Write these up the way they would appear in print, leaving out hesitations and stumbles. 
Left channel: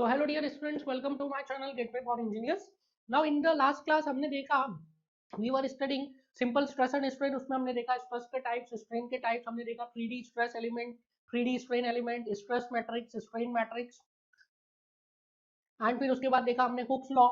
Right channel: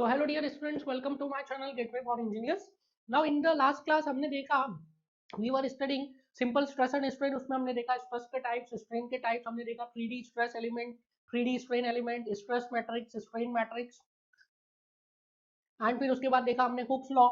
So hello dear students, welcome to my channel Gateway for Engineers. Now in the last class हमने देखा we were studying simple stress and strain. उसमें हमने देखा stress के types, strain के types, हमने देखा 3D stress element, 3D strain element, stress matrix, strain matrix, and फिर उसके बाद देखा हमने हुक्स लॉ,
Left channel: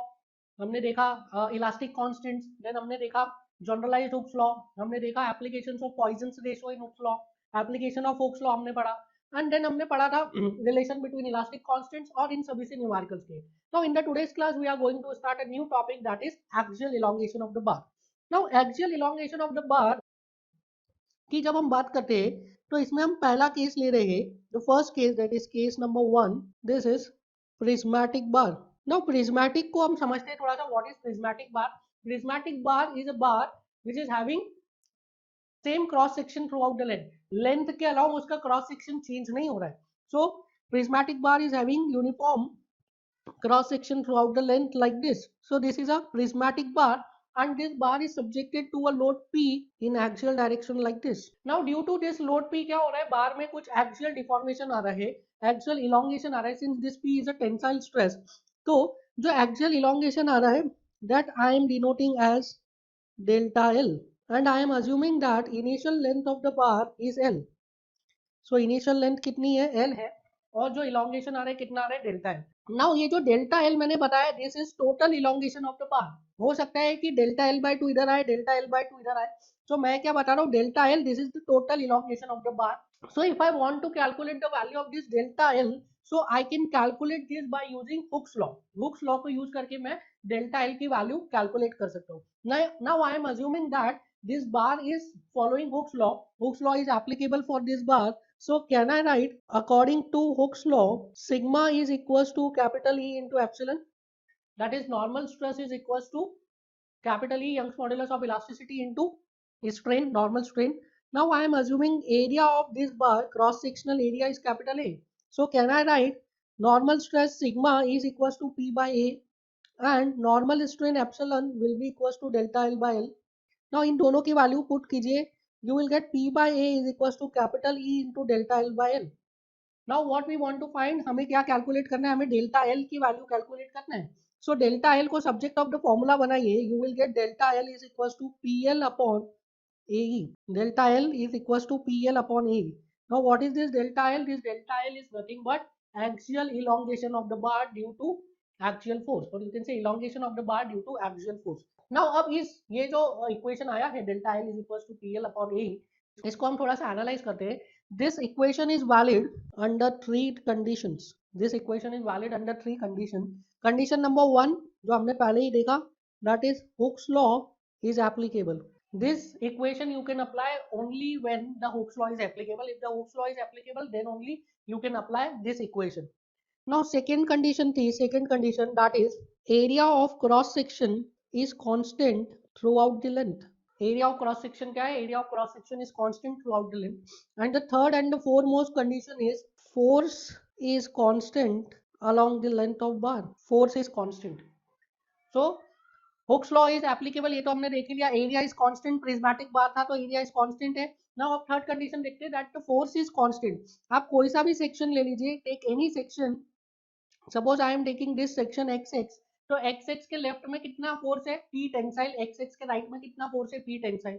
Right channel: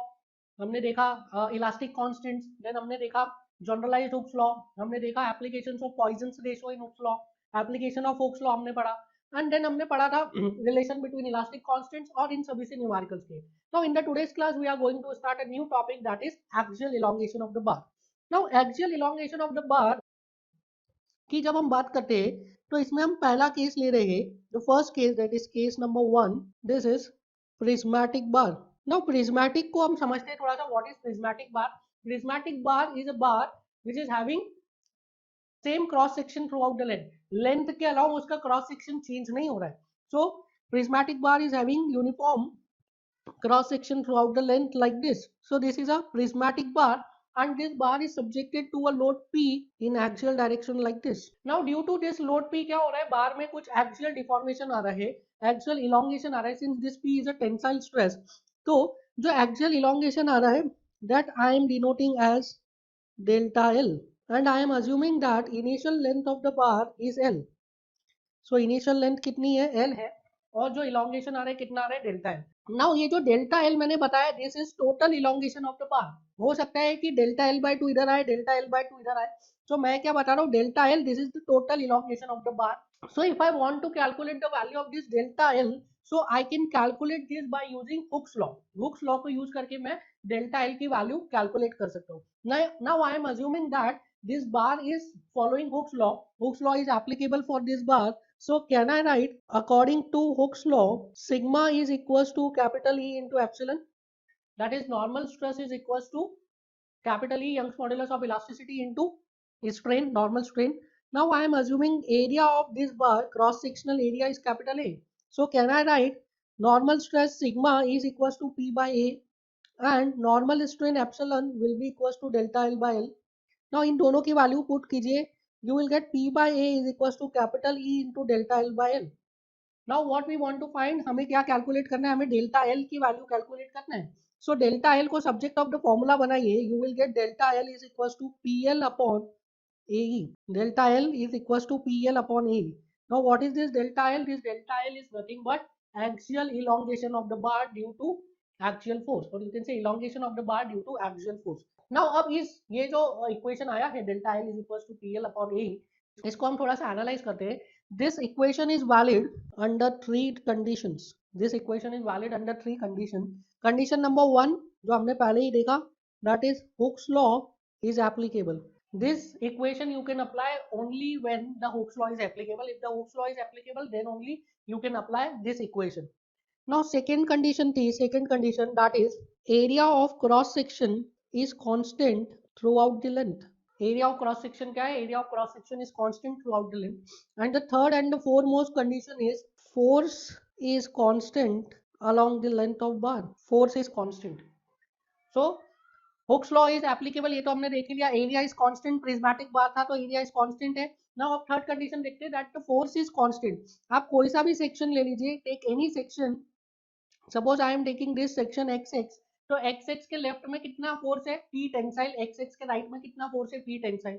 हमने देखा इलास्टिक कांस्टेंट्स, देन हमने देखा जनरलाइज्ड हुक्स लॉ, हमने देखा applications of Poisson's ratio in Hooke's law, application of Hooke's law हमने पढ़ा, एंड देन हमने पढ़ा था रिलेशन बिटवीन इलास्टिक कांस्टेंट्स और इन सभी से न्यूमेरिकल्स के. Now in the today's class we are going to start a new topic that is axial elongation of the bar. Now axial elongation of the bar की जब हम बात करते हैं तो इसमें हम पहला केस ले रहे हैं. The first case that is case number 1. This is prismatic bar. Now prismatic को हम समझते हैं थोड़ा सा. What is prismatic bar? Prismatic bar is a bar which is having same cross section through out the length. Length के अलावा उसका cross section change नहीं हो रहा है. So prismatic bar is having uniform cross section throughout the length like this. So this is a prismatic bar and this bar is subjected to a load P in axial direction like this. Now due to this load P क्या हो रहा है, बार में कुछ axial deformation आ रहा है, axial elongation आ रहा है. Since this P is a tensile stress, तो जो axial elongation आ रहा है that I am denoting as delta L and I am assuming that initial length of the bar is L. So initial length कितनी है? L है. और जो elongation आ रहा है कितना आ रहा है? Delta L. नाउ ये जो डेल्टा एल मैंने बताया this is total elongation of the बार. हो सकता है कि डेल्टा एल बाय 2 इधर आए, डेल्टा एल बाय 2 इधर आए. तो मैं क्या बता रहा हूँ, delta L this is the total elongation of the bar. So if I want to calculate the value of this delta L, so I can calculate this by using Hooke's law. Hooke's law को use करके मैं delta L की value calculate कर सकता हूँ. Now I am assuming that this bar is following Hooke's law. Hooke's law is applicable for this bar. So can I write according to Hooke's law, sigma is equals to capital E into epsilon. That is normal stress is equals to capital E Young's modulus of elasticity into strain, normal strain. Now I am assuming area of this bar, cross sectional area is capital A. So can I write normal stress sigma is equals to P by A and normal strain epsilon will be equals to delta L by L. Now इन दोनों के value put कीजिए, you will get P by A is equals to capital E into delta L by L. Now what we want to find, हमें क्या calculate करना है, हमें delta L की value calculate करना है. So delta L को subject of the formula बनाइए, you will get delta L is equals to PL upon AE. Delta L is equals to PL upon AE. Now what is this delta L? This delta L is nothing but axial elongation of the bar due to axial force, or you can say elongation of the bar due to axial force. Now अब इस ये जो equation आया है delta L is equals to PL upon AE, इसको हम थोड़ा सा analyze करते हैं. This equation is valid under three conditions. This equation is valid under three conditions. Condition number 1 जो हमने पहले ही देखा, that is Hooke's law is applicable. This equation you can apply only when the Hooke's law is applicable. If the Hooke's law is applicable, then only you can apply this equation. Now second condition that is area of cross section is constant throughout the length. Area of cross section क्या है? Area of cross section is constant throughout the length. And the third and the foremost condition is force is constant along the length of bar. Force is constant. So Hooke's law is applicable, ये तो हमने देख लिया. Area is constant, prismatic bar था तो area is constant है. Now अब third condition देखते हैं that the force is constant. आप कोई सा भी section ले लीजिए, take any section. Suppose I am taking this section XX, तो XX के लेफ्ट में कितना फोर्स है? P tensile. XX के राइट में कितना फोर्स है? P tensile.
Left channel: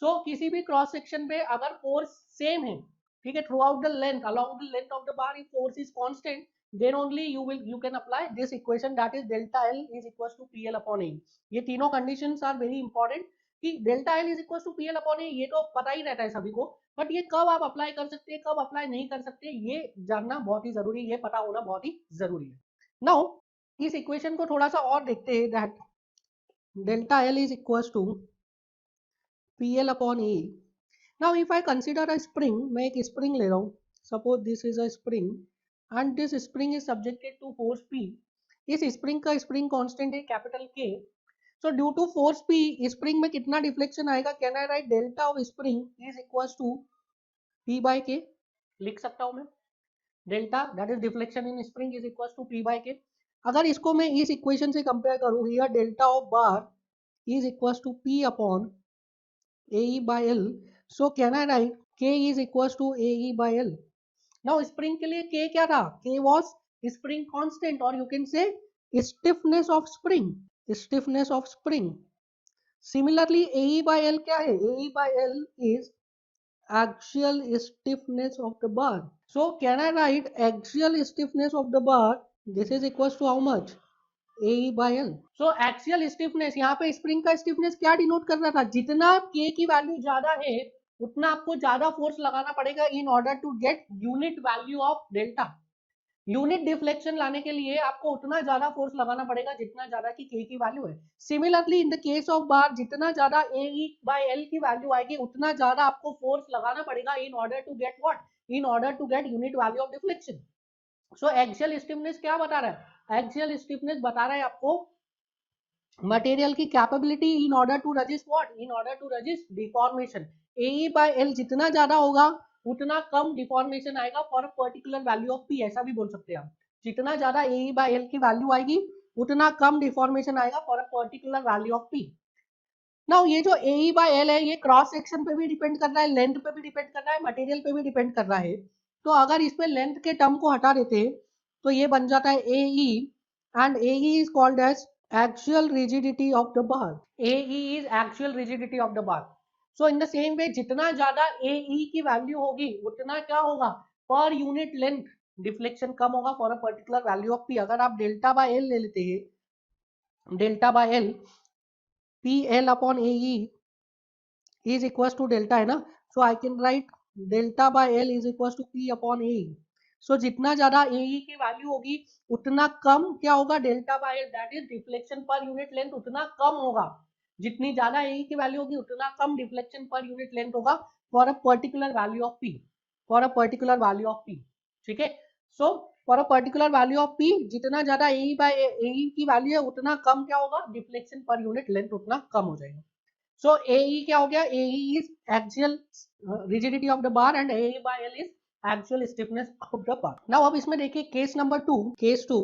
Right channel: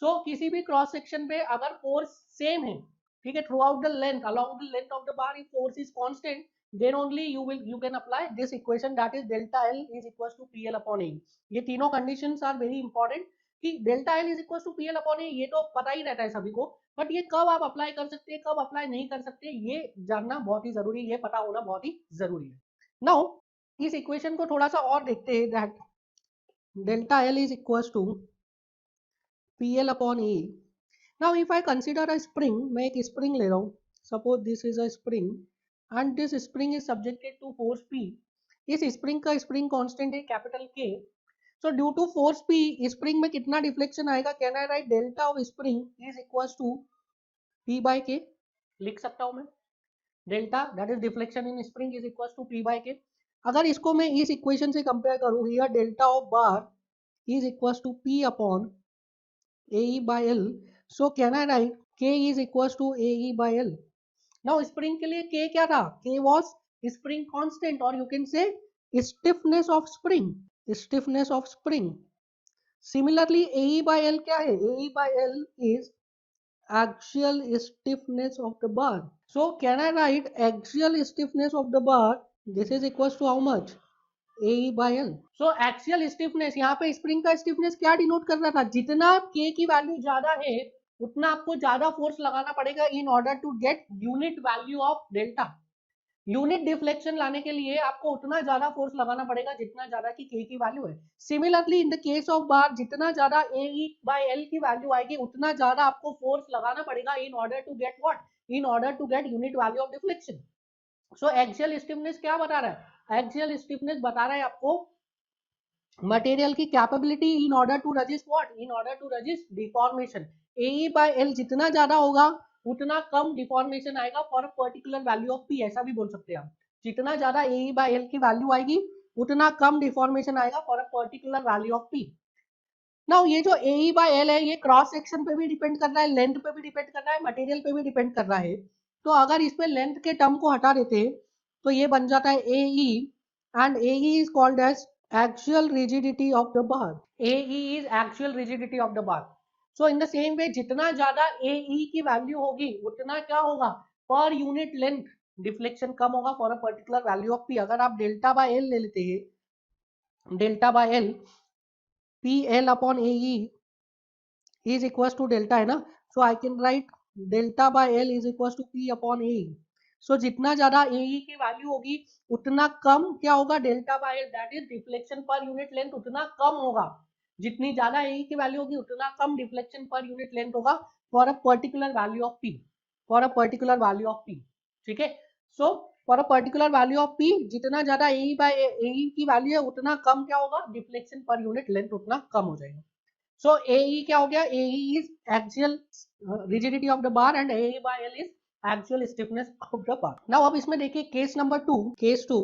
सो किसी भी क्रॉस सेक्शन पे अगर फोर्स सेम है, ठीक है, throughout the length, along the length of the bar, if force is constant, then only you can apply this equation that is delta L is equals to PL upon A. ये तीनों conditions are very important कि delta L is equals to PL upon A, ये तो पता ही रहता है सभी को, बट ये कब आप अप्लाई कर सकते हैं, कब अप्लाई नहीं कर सकते, ये जानना बहुत ही जरूरी है, पता होना बहुत ही जरूरी है. नाउ इस इक्वेशन को थोड़ा सा और देखते हैं that delta L is equals to PL upon A. Now if I consider a spring, मैं एक spring ले रहा हूँ. Suppose this is a spring and this spring is subjected to force P. इस spring का spring constant है capital K. So due to force P, spring में कितना deflection आएगा? Can I write delta of spring is equals to P by K? लिख सकता हूँ मैं. Delta that is deflection in spring is equals to P by K. अगर इसको मैं इस equation से compare करूँ, here delta of bar is equals to P upon AE by L. So can I write K is equals to AE by L? Now spring के लिए K क्या था? K was spring constant, or you can say stiffness of spring. Stiffness of spring. Similarly, AE by L क्या है? AE by L is axial stiffness of the bar. So can I write axial stiffness of the bar? This is equals to how much? AE by L. So axial stiffness, यहाँ पे spring का stiffness क्या denote कर रहा था? जितना K की value ज्यादा है उतना आपको ज्यादा फोर्स लगाना पड़ेगा in order to get unit value of delta. Unit deflection लाने के लिए आपको उतना ज्यादा फोर्स लगाना पड़ेगा जितना ज्यादा की K की वैल्यू है. Similarly in the case of bar, जितना ज्यादा AE by L की वैल्यू आएगी उतना ज्यादा आपको फोर्स लगाना पड़ेगा in order to get what? In order to get unit value of deflection. So axial stiffness क्या बता रहा है? एक्सियल स्टिफनेस बता रहा है आपको मटेरियल की capability in order to resist what? In order to resist deformation. AE by L जितना ज्यादा होगा उतना कम डिफॉर्मेशन आएगा for a particular value of P. ऐसा भी बोल सकते हैं आप. जितना ज्यादा AE by L की वैल्यू आएगी उतना कम डिफॉर्मेशन आएगा for a particular value of P. Now ये जो AE by L है ये क्रॉस सेक्शन पे भी डिपेंड कर रहा है, लेंथ पे भी डिपेंड कर रहा है, मटेरियल पे भी डिपेंड कर रहा है. तो अगर इसमें लेंथ के टर्म को हटा देते तो ये बन जाता है AE, and AE is called as axial rigidity of the bar. AE is axial rigidity of the bar. So in the same way जितना ज्यादा AE की वैल्यू होगी उतना क्या होगा? पर यूनिट लेंथ डिफ्लेक्शन कम होगा for a particular value of P. अगर आप डेल्टा बाय एल ले लेते हैं, delta by L, PL upon AE is equals to delta है ना, so I can write delta by L is equals to P upon AE. So जितना ज्यादा AE की वैल्यू होगी उतना कम क्या होगा? Delta by L, that is deflection per unit length उतना कम होगा. जितनी ज्यादा AE की वैल्यू होगी उतना कम डिफ्लेक्शन पर यूनिट लेंथ होगा for a particular value of P. For a particular value of P. ठीक है. So for a particular value of P जितना ज्यादा AE बाय AE की वैल्यू है उतना कम क्या होगा? डिफ्लेक्शन पर यूनिट लेंथ उतना कम हो जाएगा. So AE क्या हो गया? AE is axial rigidity of the bar and AE by L is axial stiffness of the bar. Now अब इसमें देखिए case number 2, case 2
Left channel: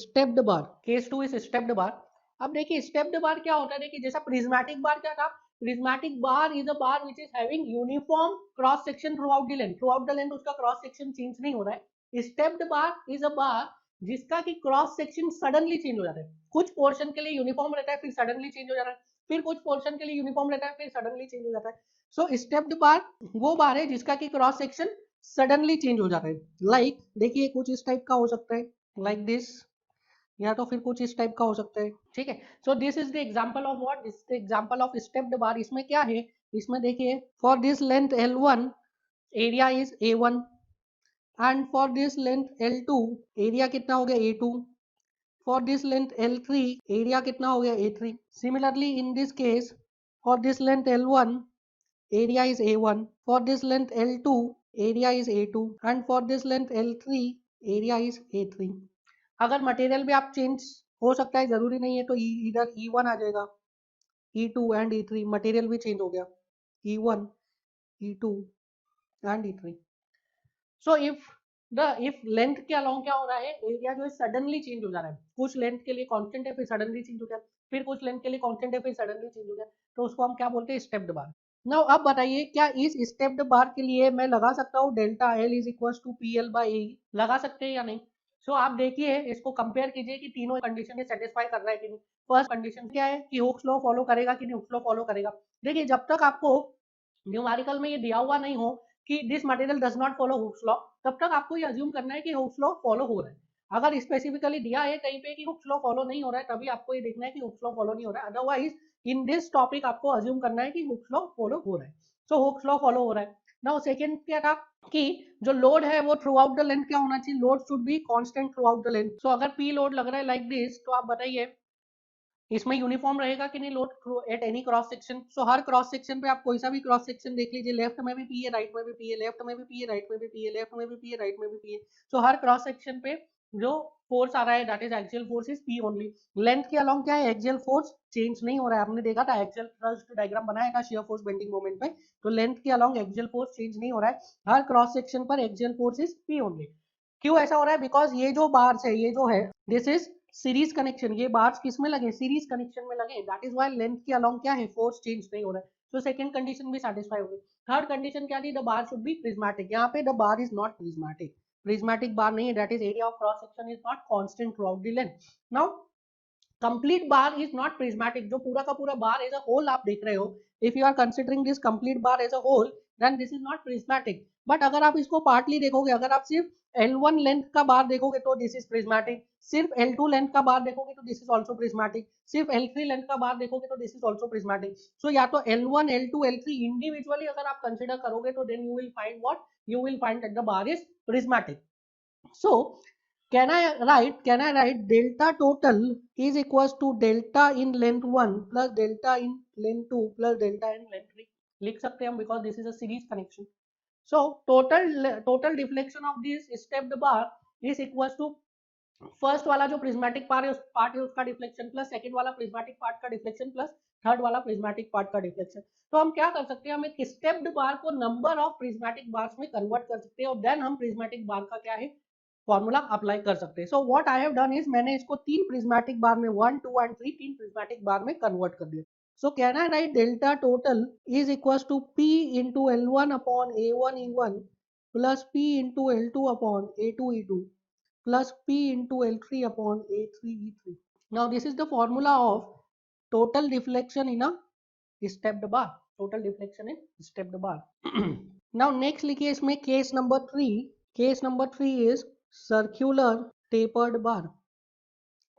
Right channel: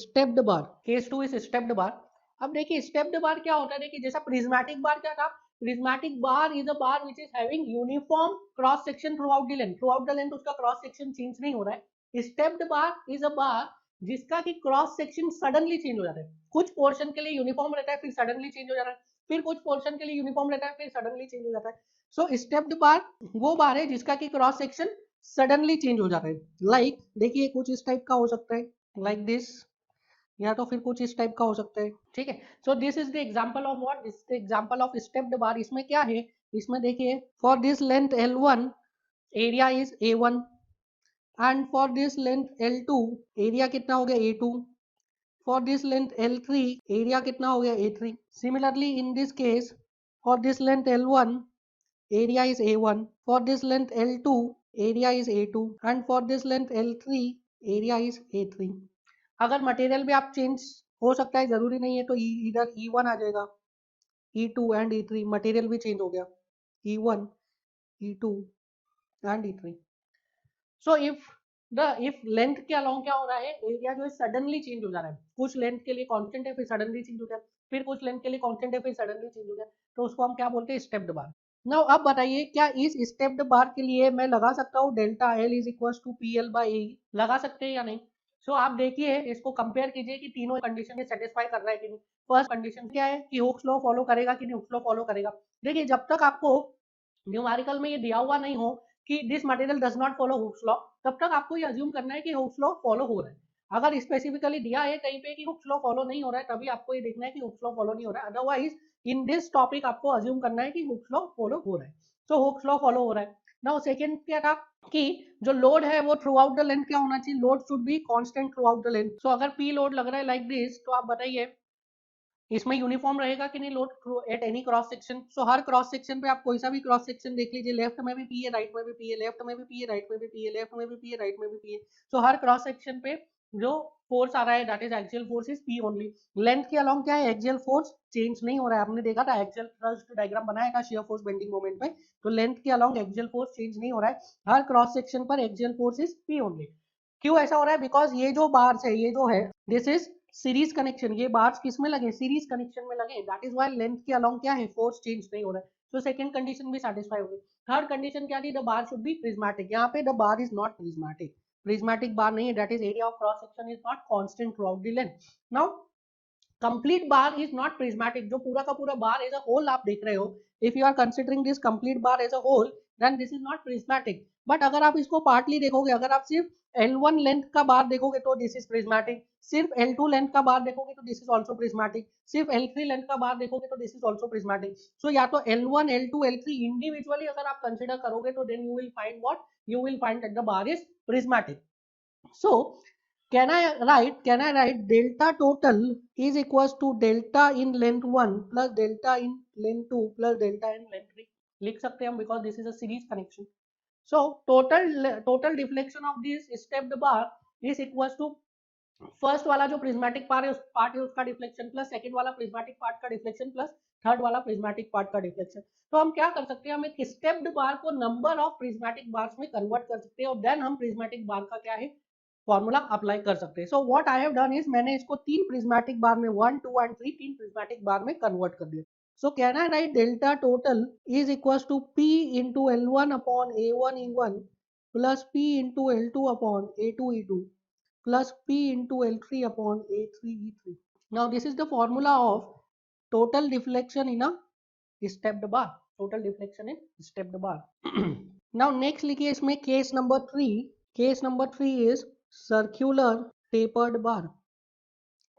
stepped bar. Case 2 is stepped bar. अब देखिए स्टेप्ड बार क्या होता है? देखिए जैसा प्रिज्मेटिक बार क्या था? Prismatic bar is a bar which is having uniform cross section through out the length. Through out the length उसका क्रॉस सेक्शन चेंज नहीं हो रहा है. स्टेप्ड बार इज अ बार जिसका कि क्रॉस सेक्शन सडनली चेंज हो जाता है. कुछ पोर्शन के लिए यूनिफॉर्म रहता है फिर सडनली चेंज हो जाता है, फिर कुछ पोर्शन के लिए यूनिफॉर्म रहता है फिर सडनली चेंज हो जाता है. सो स्टेप्ड बार वो बार है जिसका कि क्रॉस सेक्शन सडनली चेंज हो जाता है. लाइक देखिए कुछ इस टाइप का हो सकता है, लाइक दिस, या तो फिर कुछ इस टाइप का हो सकता है. ठीक है. So this is the example of what? This is the example of stepped bar. इसमें क्या है? इसमें देखिए for this length L1 area is A1 and for this length L2 area कितना हो गया? A2. For this length L3 area कितना हो गया? A3. Similarly in this case for this length L1 area is A1, for this length L2 area is A2 and for this length L3 area is A3. अगर material भी आप change हो सकता है, जरूरी नहीं है, तो इधर E1 आ जाएगा, E2 and E3 मटेरियल भी चेंज हो गया, E1 E2 and E3. So if length के अलोंग क्या हो रहा है? एरिया जो है सडनली चेंज हो जा रहा है. कुछ लेंथ के लिए कांस्टेंट है फिर सडनली चेंज हो गया, फिर कुछ लेंथ के लिए कांस्टेंट है फिर सडनली चेंज हो गया, तो उसको हम क्या बोलते हैं? स्टेप्ड बार. नाउ अब बताइए क्या इस स्टेप्ड बार के लिए मैं लगा सकता हूँ delta L is equal to P L by A? लगा सकते हैं या नहीं? सो आप देखिए इसको कंपेयर कीजिए कि तीनों कंडीशन में सेटिस्फाई कर रहा है कि नहीं. फर्स्ट कंडीशन क्या है कि हुक्स लॉ फॉलो करेगा कि नहीं? हुक्स लॉ फॉलो करेगा. देखिए जब तक आपको न्यूमेरिकल में ये दिया हुआ नहीं हो कि this material does not follow Hooke's law, तब तक आपको ये अज्यूम करना है कि हुक्स लॉ फॉलो हो रहा है. अगर स्पेसिफिकली दिया है कहीं पे कि हुक्स लॉ फॉलो नहीं हो रहा है, तभी आपको ये देखना है कि हुक्स लॉ फॉलो नहीं हो रहा है. अदरवाइज इन दिस टॉपिक आपको अज्यूम करना है कि हुक्स लॉ फॉलो हो रहा है. सो हुक्स लॉ फॉलो हो रहा है. नाउ सेकंड क्या था कि जो लोड है वो थ्रू आउट द लेंथ क्या होना चाहिए? Load should be constant throughout the length. So अगर पी लोड लग रहा है लाइक दिस, तो आप बताइए इसमें यूनिफॉर्म रहेगा कि नहीं load at any cross section? So her cross section पे आप कोई सा भी क्रॉस सेक्शन देख लीजिए, लेफ्ट में भी पी है, राइट में भी पी है, लेफ्ट में भी पी है, राइट में भी पी है, लेफ्ट में भी पी है, राइट में भी पी है. सो हर क्रॉस सेक्शन पे जो फोर्स आ रहा है that is axial force is P only. Length के अलोंग क्या है? एक्सियल फोर्स चेंज नहीं हो रहा है. आपने देखा था एक्सियल थ्रस्ट डायग्राम बनाया था शियर फोर्स बेंडिंग मोमेंट पे, तो लेंथ के अलोंग एक्सियल फोर्स चेंज नहीं हो रहा है. हर क्रॉस सेक्शन पर axial force is P only. क्यों ऐसा हो रहा है? बिकॉज ये जो बार्स है, ये जो है दिस इज सीरीज कनेक्शन. ये बार्स किस में लगे? सीरीज कनेक्शन में लगे. दैट इज व्हाई लेंथ के अलोंग क्या है? फोर्स चेंज नहीं हो रहा है. सो सेकंड कंडीशन भी सेटिस्फाई हो गई. थर्ड कंडीशन क्या थी? The bar should be prismatic. यहाँ पे the bar is not prismatic. prismatic bar नहीं, that is area of cross section is not constant throughout the length. Now complete bar is not prismatic. जो पूरा का पूरा bar as a whole आप देख रहे हो, if you are considering this complete bar as a whole, then this is not prismatic. But अगर आप इसको partly देखोगे, अगर आप सिर्फ L1 लेंथ का बार देखोगे तो दिस इज प्रिज्मेटिक, सिर्फ L2 लेंथ का बार देखोगे तो दिस इज आल्सो प्रिज्मेटिक, सिर्फ L3 लेंथ का बार देखोगे तो दिस इज आल्सो प्रिज्मेटिक. सो या तो L1 L2 L3 इंडिविजुअली अगर आप कंसीडर करोगे तो then you will find what, you will find that the bar is prismatic. So can I write delta total is equals to delta in length 1 plus delta in length 2 plus delta in length 3. लिख सकते हैं हम because this is a series connection. So total deflection of this stepped bar is equals to first वाला जो prismatic part है उसका deflection plus second वाला prismatic part का डिफ्लेक्शन प्लस थर्ड वाला प्रिज्मेटिक पार्ट का डिफ्लेक्शन. तो हम क्या कर सकते हैं, हम एक स्टेप्ड बार को नंबर ऑफ प्रिज्मेटिक बार्स में कन्वर्ट कर सकते हैं और देन हम प्रिज्मेटिक बार का क्या है फॉर्मूला अप्लाई कर सकते हैं. So what I have done is मैंने इसको तीन प्रिज्मेटिक बार में 1 2 एंड 3 तीन प्रिज्मेटिक बार में कन्वर्ट कर दिया. So can I write delta total is equals to P into L1 upon A1 E1 plus P into L2 upon A2 E2 plus P into L3 upon A3 E3. Now this is the formula of total deflection in a stepped bar. Total deflection in stepped bar. Now next लिखिए इसमें case number 3. Case number 3 is circular tapered bar.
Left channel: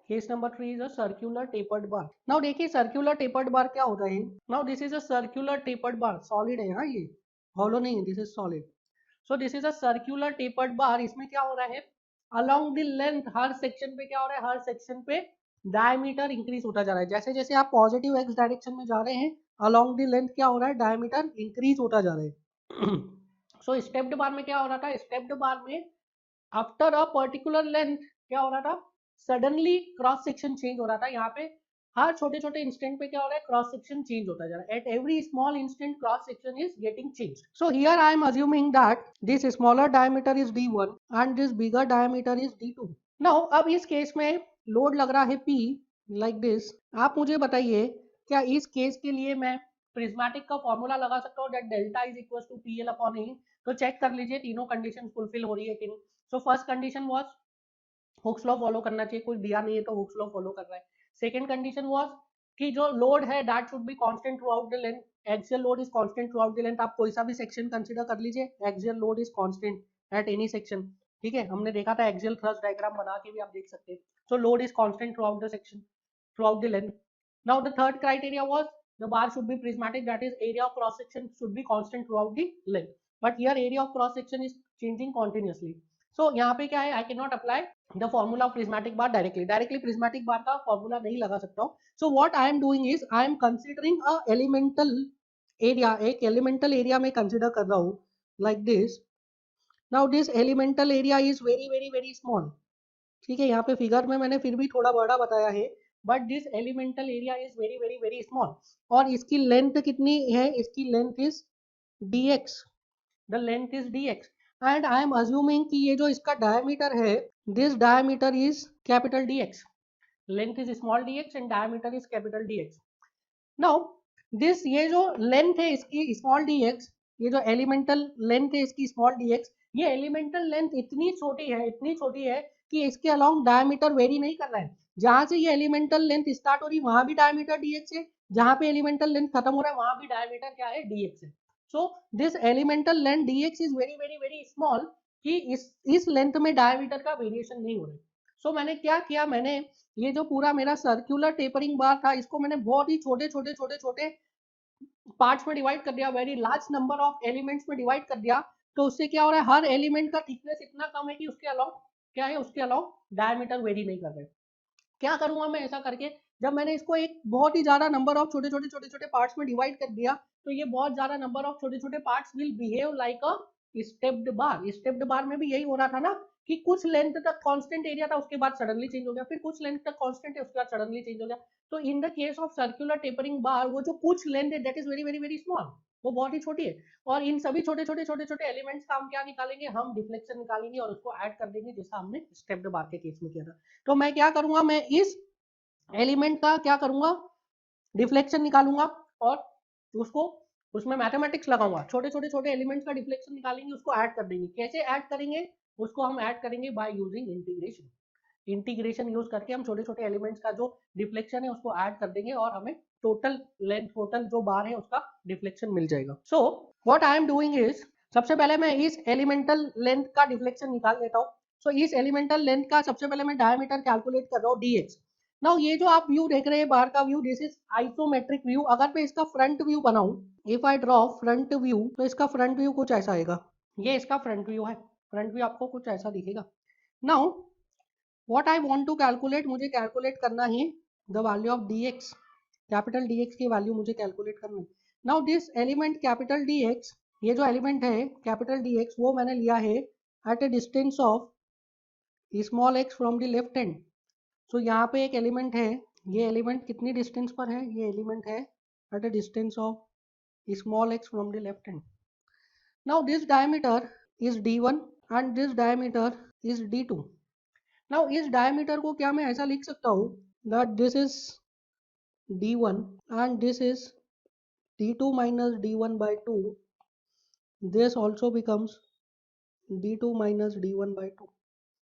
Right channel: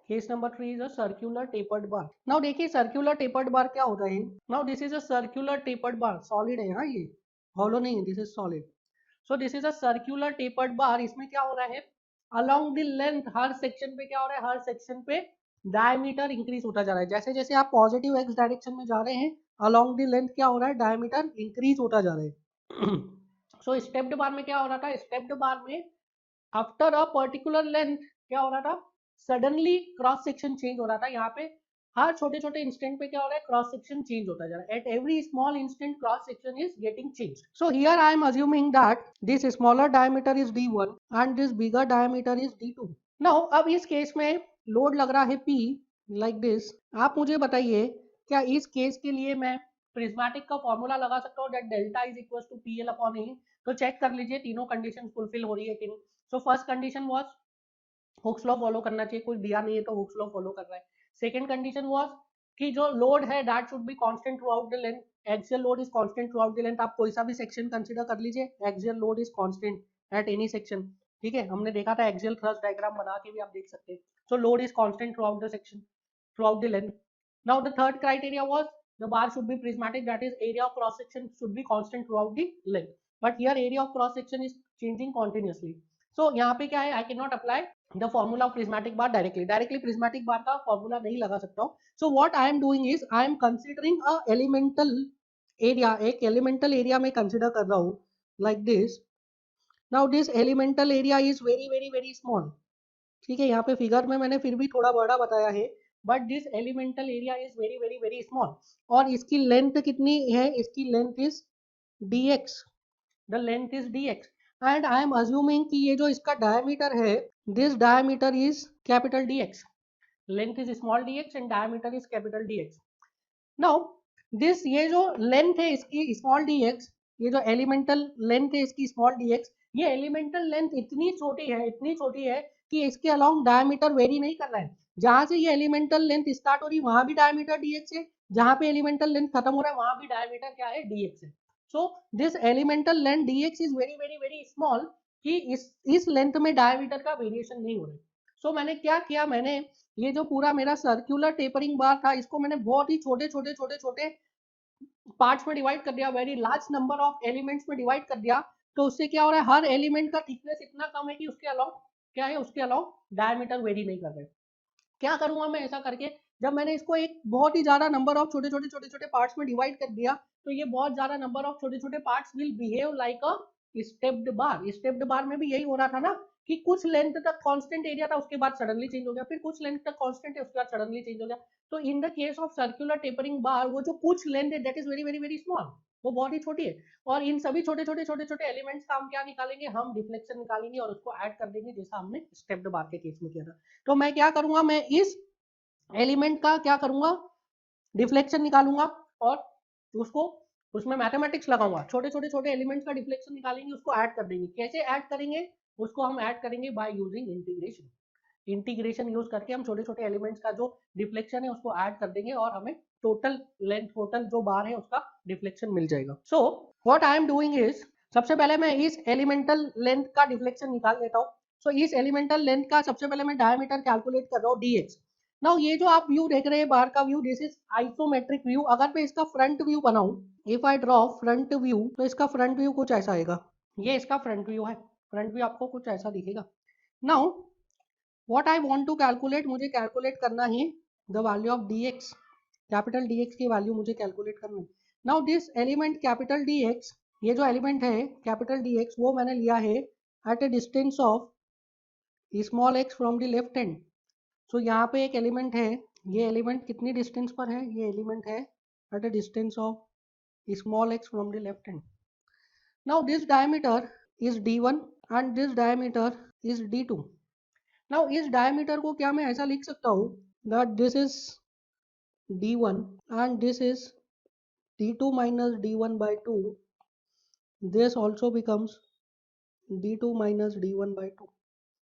Case number 3 is a circular tapered bar. Now देखिए circular tapered bar क्या होता है. Now this is a circular tapered bar. Solid है हाँ, ये hollow नहीं है, this is solid. So this is a circular tapered bar. इसमें क्या हो रहा है, along the length her section पे क्या हो रहा है, हर section पे diameter increase होता जा रहा है. जैसे जैसे आप positive x direction में जा रहे हैं, along the length क्या हो रहा है, diameter increase होता जा रहा है. So stepped bar में क्या हो रहा था, stepped bar में आफ्टर अ पर्टिकुलर लेंथ क्या हो रहा था, सडनली क्रॉस सेक्शन चेंज हो रहा था. यहाँ पे हर छोटे छोटे इंस्टेंट पे क्या हो रहा है, क्रॉस सेक्शन चेंज होता जा रहा है. At every small instant cross section is getting change. So here I am assuming that this smaller diameter is D1 and this bigger diameter is D2. Now अब इस केस में load लग रहा है P लाइक दिस. आप मुझे बताइए क्या इस केस के लिए मैं प्रिज्मेटिक का फॉर्मूला लगा सकता हूँ, that delta is equal to PL upon A. तो चेक कर लीजिए तीनों कंडीशन फुलफिल हो रही है कि नहीं. So first condition was Hooke's law follow करना चाहिए, कुछ दिया नहीं है तो हुक्स लॉ फॉलो कर रहा है. सेकंड कंडीशन वाज कि जो लोड है that should be constant throughout the length. Axial load is constant throughout the length. आप कोई सा भी सेक्शन कंसीडर कर लीजिए, axial load is constant at any section. ठीक है, हमने देखा था एक्सियल थ्रस्ट डायग्राम बना के भी आप देख सकते हैं. सो load is constant throughout the section, through out the length. Now the third criteria was the bar should be prismatic, that is area of cross section should be constant throughout the length. But here area of cross section is changing continuously. So यहाँ पे क्या है, I cannot apply the formula of prismatic bar directly prismatic bar का formula नहीं लगा सकता हूँ. So what I am doing is I am considering a elemental area, एक elemental area में consider कर रहा हूँ like this. Now this elemental area is very small. ठीक है, यहाँ पे फिगर में मैंने फिर भी थोड़ा बड़ा बताया है, but this elemental area is very small. और इसकी लेंथ कितनी है, इसकी length is dx, the length is dx and I am assuming कि ये जो इसका डायमीटर है, this diameter is capital dx. Length is small dx and diameter is capital dx. Now this ये जो लेंथ है इसकी स्मॉल dx, ये जो एलिमेंटल लेंथ है इसकी स्मॉल dx, ये एलिमेंटल लेंथ इतनी छोटी है कि इसके अलोंग डायमीटर वेरी नहीं कर रहा है. जहां से ये एलिमेंटल लेंथ स्टार्ट हो रही है वहां भी डायमीटर dx है, जहां पे एलिमेंटल लेंथ खत्म हो रहा है वहां भी डायमीटर क्या है, dx है. So this elemental length dx is very small कि इस लेंथ में डायमीटर का वेरिएशन नहीं हो रहा है. सो मैंने क्या किया, मैंने ये जो पूरा मेरा सर्कुलर टेपरिंग बार था इसको मैंने बहुत ही छोटे पार्ट्स में डिवाइड कर दिया, very large number of elements में डिवाइड कर दिया. तो उससे क्या हो रहा है, हर एलिमेंट का थिकनेस इतना कम है कि उसके अलावा क्या है, उसके अलावा डायमीटर वेरी नहीं कर रहे. क्या करूंगा मैं ऐसा करके, जब मैंने इसको एक बहुत ही ज्यादा नंबर ऑफ छोटे पार्ट्स में डिवाइड कर दिया तो ये बहुत ज्यादा नंबर ऑफ छोटे parts will behave like a stepped bar. Stepped bar में भी यही हो रहा था ना कि कुछ लेंथ तक कांस्टेंट एरिया था, उसके बाद सडनली चेंज हो गया, फिर कुछ लेंथ तक कांस्टेंट है उसके बाद सडनली चेंज हो गया. तो in the case of circular tapering bar वो जो कुछ लेंथ है दैट इज वेरी स्मॉल, वो बहुत ही छोटी है. और इन सभी छोटे एलिमेंट्स का हम क्या निकालेंगे, हम डिफ्लेक्शन निकालेंगे और उसको ऐड कर देंगे जैसा हमने स्टेप्ड बार के केस में किया था. तो मैं क्या करूंगा, मैं इस एलिमेंट का क्या करूंगा, डिफ्लेक्शन निकालूंगा और उसको उसमें मैथमेटिक्स लगाऊंगा. छोटे एलिमेंट्स का डिफ्लेक्शन निकालेंगे, उसको ऐड कर देंगे. कैसे ऐड करेंगे उसको हम ऐड करेंगे by using integration. Integration use करके हम छोटे छोटे एलिमेंट्स का जो डिफ्लेक्शन है उसको ऐड कर देंगे और हमें टोटल लेंथ, टोटल जो बार है उसका डिफ्लेक्शन मिल जाएगा। So what I am doing is, सबसे पहले मैं इस एलिमेंटल लेंथ का डिफ्लेक्शन निकाल लेता हूँ। सो इस एलिमेंटल लेंथ का सबसे पहले मैं डायमीटर कैलकुलेट कर रहा हूँ dx। नाउ ये जो आप व्यू देख रहे हैं बाहर का view, this is isometric view. अगर मैं इसका फ्रंट व्यू बनाऊं, if I draw front view, तो इसका फ्रंट व्यू कुछ ऐसा आएगा। ये इसका फ्रंट व्यू है। फ्रंट व्यू आपको कुछ ऐसा दिखेगा। Now what I want to calculate, मुझे कैलकुलेट करना है the value of dx। Capital dx की वैल्यू मुझे कैलकुलेट करनी है। Now this element capital dx, ये जो एलिमेंट है कैपिटल dx, वो मैंने लिया है at a distance of small x from the left hand. So यहाँ पे एक एलिमेंट है, ये एलिमेंट कितनी डिस्टेंस पर है, ये एलिमेंट है at a distance of small x from the left hand. Now this diameter is d1 and this diameter is d2. Now इस diameter को क्या मैं ऐसा लिख सकता हूँ that this is d1 and this is d2 minus d1 by 2. This also becomes d2 minus d1 by 2.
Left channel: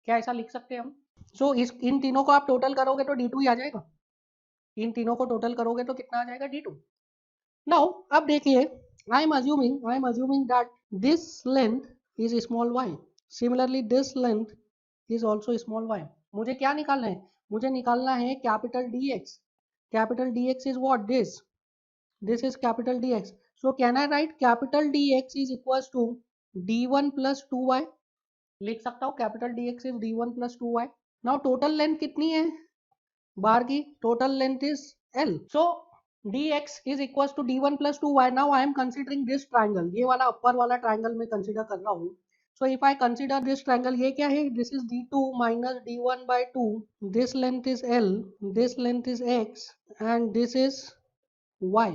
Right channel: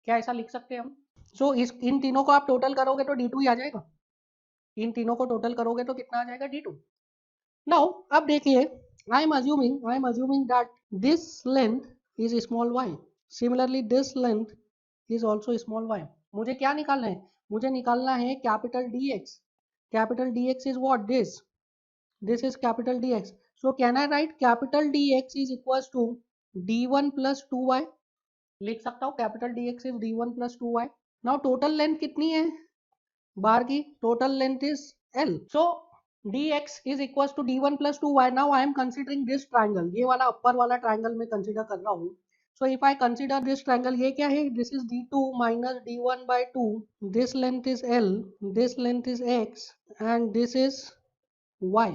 क्या ऐसा लिख सकते हैं हम? So इस इन तीनों को आप टोटल करोगे तो d2 ही आ जाएगा। इन तीनों को टोटल करोगे तो कितना आ जाएगा, d2। Now अब देखिए, I am assuming that this length is small y. Similarly this length is also small y. मुझे क्या निकालना है, मुझे निकालना है capital dx। Capital dx is what, this is capital dx. So can I write capital dx is equals to d1 plus 2y? लिख सकता हूँ capital dx is d1 plus 2y. Now total length कितनी है बार की, total length is l. So dx is equals to d1 plus 2y. Now I am considering this triangle, ये वाला ऊपर वाला ट्रायंगल मैं कंसीडर कर रहा हूँ। So if I consider this triangle, ये क्या है, this is d2 minus d1 by 2, this length is l, this length is x and this is y.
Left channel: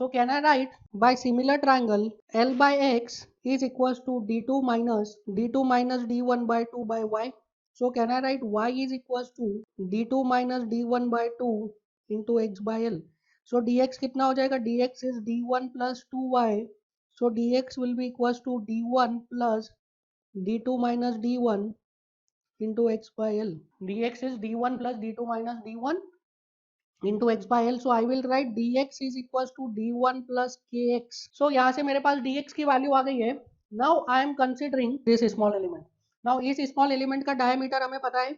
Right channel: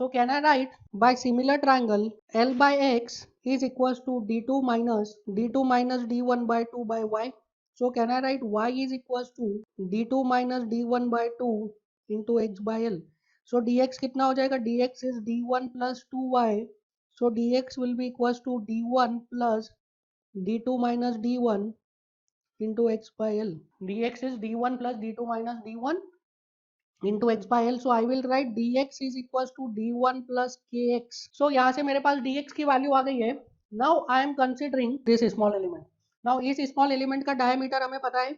So can I write by similar triangle l by x is equals to d2 minus d1 by 2 by y. So can I write y is equals to d2 minus d1 by 2 into x by l. So dx कितना हो जाएगा, dx is d1 plus 2y. So dx will be equals to d1 plus d2 minus d1 into x by l. dx is d1 plus d2 minus d1 into x by l. So I will write dx is equals to d1 plus kx. So यहाँ से मेरे पास dx की value आ गई है। Now I am considering this small element. Now इस small element का diameter हमें पता है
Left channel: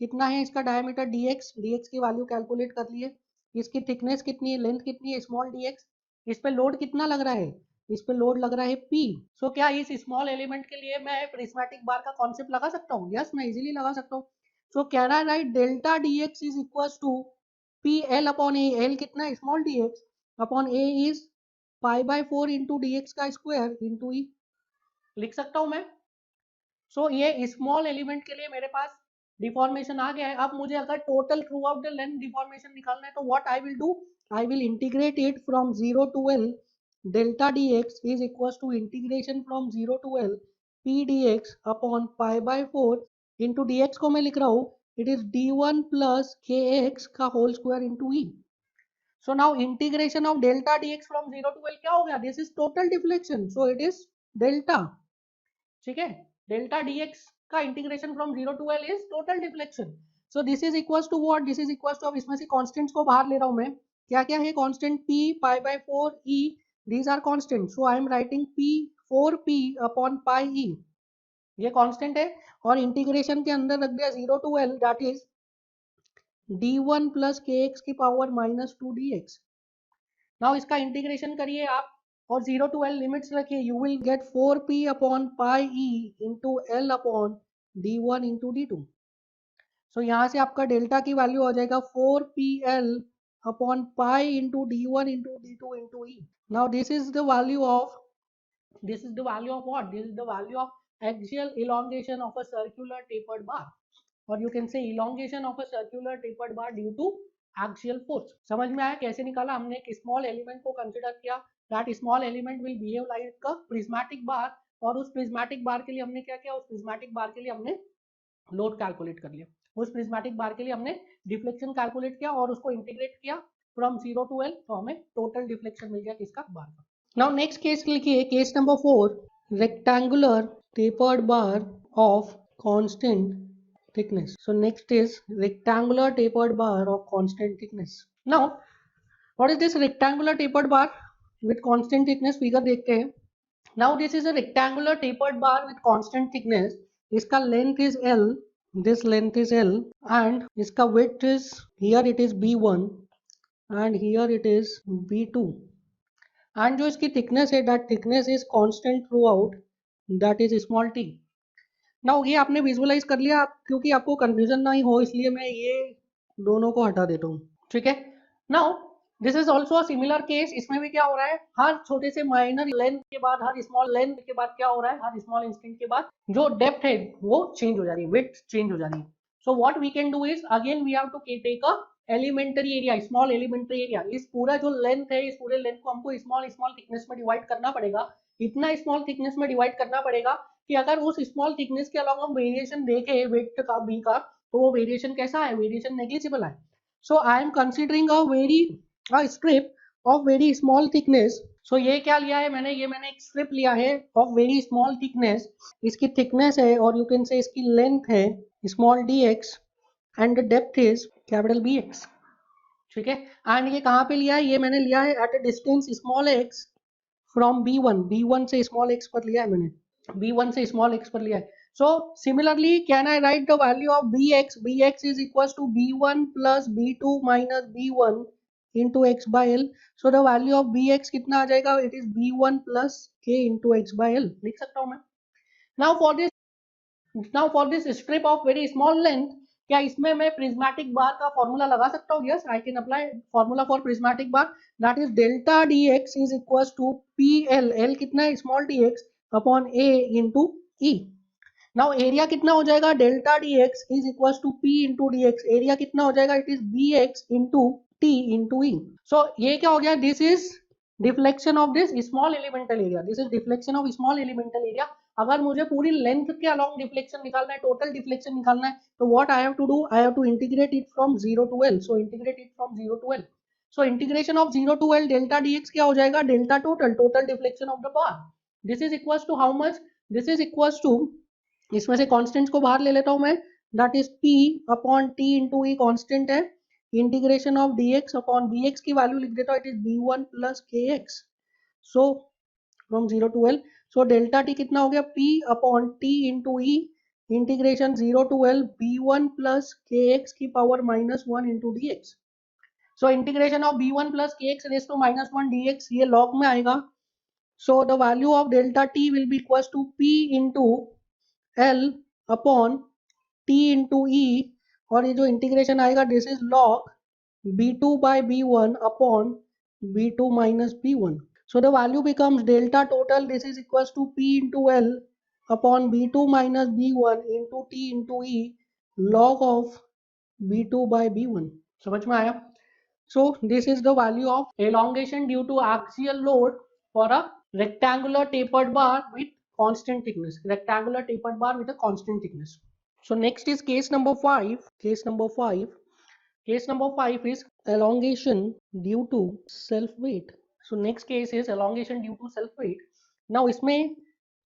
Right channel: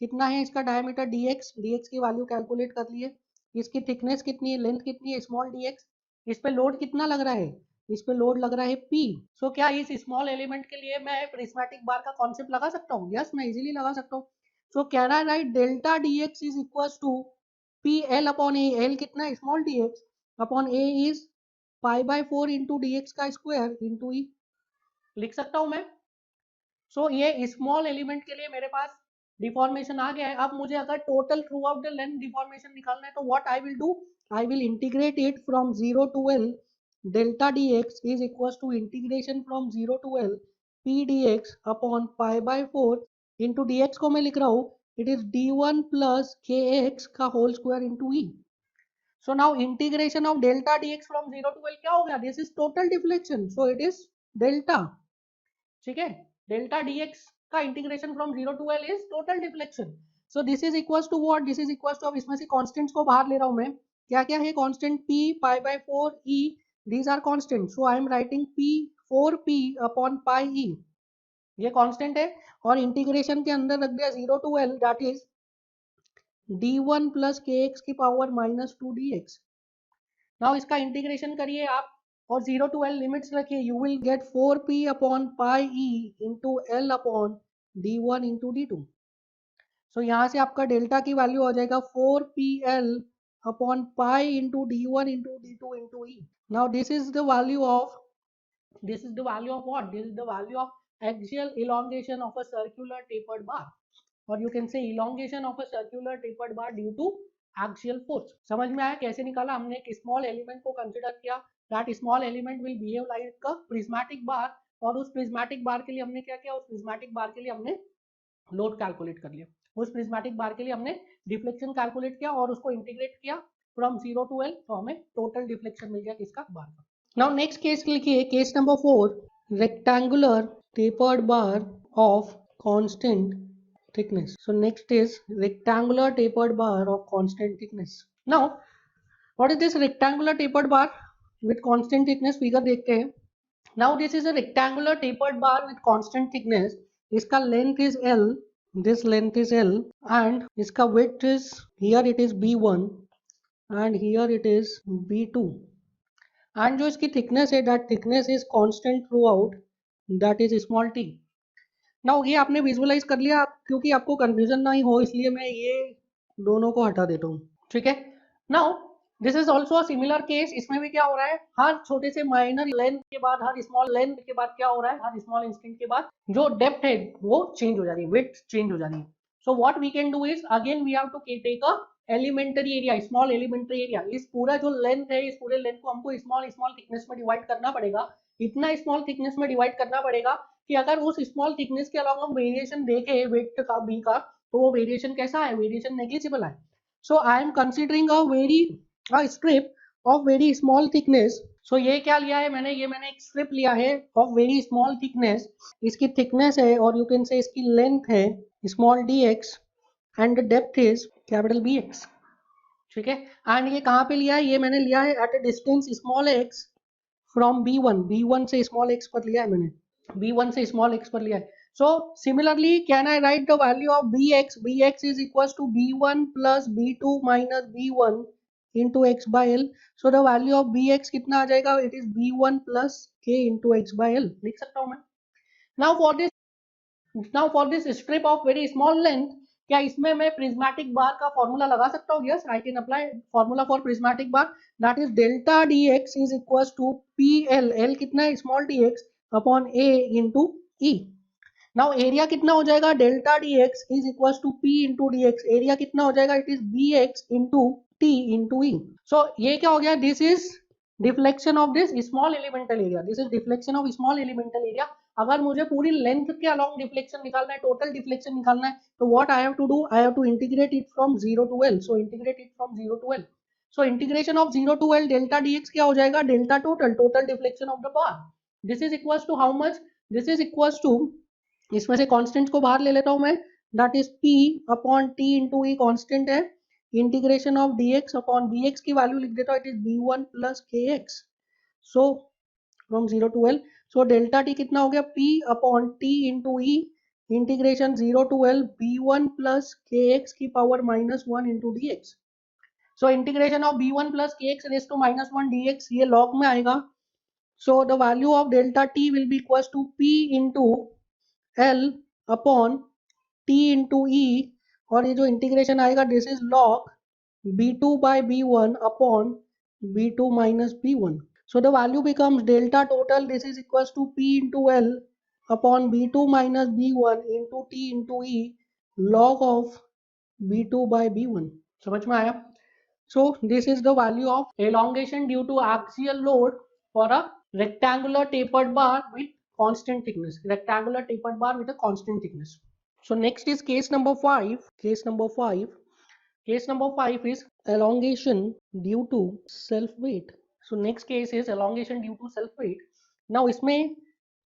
कितना है, इसका डायमीटर dx की वैल्यू कैलकुलेट कर ली है। इसकी थिकनेस कितनी है, लेंथ कितनी है, स्मॉल dx। इस पे लोड कितना लग रहा है, इस पे लोड लग रहा है p। सो क्या इस स्मॉल एलिमेंट के लिए मैं प्रिज्मेटिक बार का कॉन्सेप्ट लगा सकता हूँ? यस, मैं इजीली लगा सकता हूँ। So can I write delta dx is equals to p l upon a। l कितना है, small dx upon a is pi by 4 into dx का स्क्वायर इंटू e। लिख सकता हूँ मैं। सो ये स्मॉल एलिमेंट के लिए मेरे पास डिफॉर्मेशन आ गया है। अब मुझे अगर total throughout the length deformation निकालना है तो what I will do, I will integrate it from 0 to l। Delta dx is equals to integration from 0 to l p dx upon pi by 4 into dx को मैं लिख रहा हूँ, it is d1 plus kx का whole square into e। So now integration of delta dx from 0 to l क्या हो गया, this is total deflection. So it is delta, ठीक है। डेल्टा dx का integration from 0 to l is total deflection. So this is equals to what, this is equals to, अब इसमें से constants को बाहर ले रहा हूं मैं। क्या क्या है constant, p pi by 4 e, these are constant. So I am writing p 4p upon pi e, ये कांस्टेंट है। और इंटीग्रेशन के अंदर रख दिया 0 to l, that is d1 plus kx की पावर माइनस 2 dx। नाउ इसका इंटीग्रेशन करिए आप और 0 टू l लिमिट्स रखिए, you will get 4p upon pi e into l upon d1 into d2। सो यहाँ से आपका डेल्टा की वैल्यू आ जाएगा 4pl upon pi into d1 into d2 into e। Now this is the value of, this is the value of what, this is the value of axial elongation of a circular tapered bar, or you can say elongation of a circular tapered bar due to axial force। समझ में आया कैसे निकाला हमने, एक small element को consider किया, that small element will behave like a prismatic bar, और उस प्रिज्मेटिक बार के लिए हमने क्या किया, उस प्रिज्मेटिक बार के लिए हमने लोड कैलकुलेट कर लिया, उस प्रिज्मेटिक बार के लिए हमने डिफ्लेक्शन कैलकुलेट किया और उसको इंटीग्रेट किया फ्रॉम 0 टू l, तो हमें टोटल डिफ्लेक्शन मिल गया किसका, बार का। नाउ नेक्स्ट केस लिखिए, case number 4, rectangular tapered bar of constant thickness. So next is rectangular tapered bar of constant thickness. Now, what is this rectangular tapered bar with constant thickness? Figure देखते हैं. Now this is a rectangular tapered bar with constant thickness. इसका length is L. This length is L, and इसका width is, here it is B1 and here it is B2. And जो इसकी thickness है, that thickness is constant throughout. That is small t. Now ये आपने visualise कर लिया, क्योंकि आपको कंफ्यूजन ना ही हो इसलिए मैं ये दोनों को हटा देता हूँ. ठीक है. Now this is also similar case. इसमें भी क्या हो रहा है, हर छोटे से माइनर लेंथ के बाद, हर स्मॉल लेंथ के बाद क्या हो रहा है, हर स्मॉल इंस्टेंट के बाद जो डेप्थ है वो चेंज हो जा रही है, विड्थ चेंज हो जा रही है. So what we can do is, again we have to take a elementary area, small elementary area. इस पूरा जो लेंथ है, इस पूरे लेंथ को हमको स्मॉल स्मॉल थिकनेस में डिवाइड करना पड़ेगा. इतना स्मॉल थिकनेस में डिवाइड करना पड़ेगा कि अगर उस स्मॉल थिकनेस के अलावा हम वेरिएशन देखें विड्थ का, बी का, तो वो वेरिएशन कैसा है, वेरिएशन नेग्लिजिबल है. So I am considering a strip of very small thickness. So ये क्या लिया है मैंने, मैंने एक स्ट्रिप लिया है ऑफ वेरी स्मॉल थिकनेस. इसकी थिकनेस है और यू कैन से इसकी लेंथ है small D X and the depth is capital B X. ठीक है. एंड ये कहाँ पे लिया है, ये मैंने लिया है at a distance small X from B1 से स्मॉल एक्स पर लिया है मैंने, B1 से स्मॉल एक्स पर लिया है. So similarly, can I write the value of Bx? Bx is equals to B1 plus B2 minus B1 into x by L. So the value of Bx कितना आ जाएगा? It is B1 plus k into x by L. लिख सकता हूँ मैं. Now for this strip of very small length, क्या इसमें मैं prismatic बार का फॉर्मूला लगा सकता हूँ? Yes, I can apply formula for prismatic bar. That is delta dx is equals to PL. L कितना है, small dx upon A into E. Now area कितना हो जाएगा, delta dx is equals to P into dx. Area कितना हो जाएगा, it is bx into T into E. So ये क्या हो गया, this is deflection of this small elemental area. This is deflection of small elemental area. अगर मुझे पूरी लेंथ के अलोंग डिफ्लेक्शन निकालना है, टोटल डिफ्लेक्शन निकालना है, तो what I have to do, I have to integrate it from 0 to L. So integrate it from 0 to L. So integration of 0 to L delta dx क्या हो जाएगा, delta total deflection of the bar. This is equals to how much, this is equals to, इसमें से constants को बाहर ले लेता हूं मैं, that is P upon T into E constant है. Integration of dx upon bx की वैल्यू लिख देता हूं, it is B1 plus kx. So from 0 to L. So delta T कितना हो गया, P upon T into E integration 0 to L B1 plus kx की power -1 into dx. So integration of B1 plus kx raise to -1 dx, ये log में आएगा. So the value of delta T will be equals to P into L upon T into E, और ये जो integration आएगा this is log B2 by B1 upon B2 minus B1. So the value becomes delta total. This is equals to P into L upon B2 minus B1 into T into E log of B2 by B1. समझ में आया? So this is the value of elongation due to axial load for a rectangular tapered bar with constant thickness. Rectangular tapered bar with a constant thickness. So next is case number 5. Case number 5 is elongation due to self weight. So next case is elongation due to self weight. Now इसमें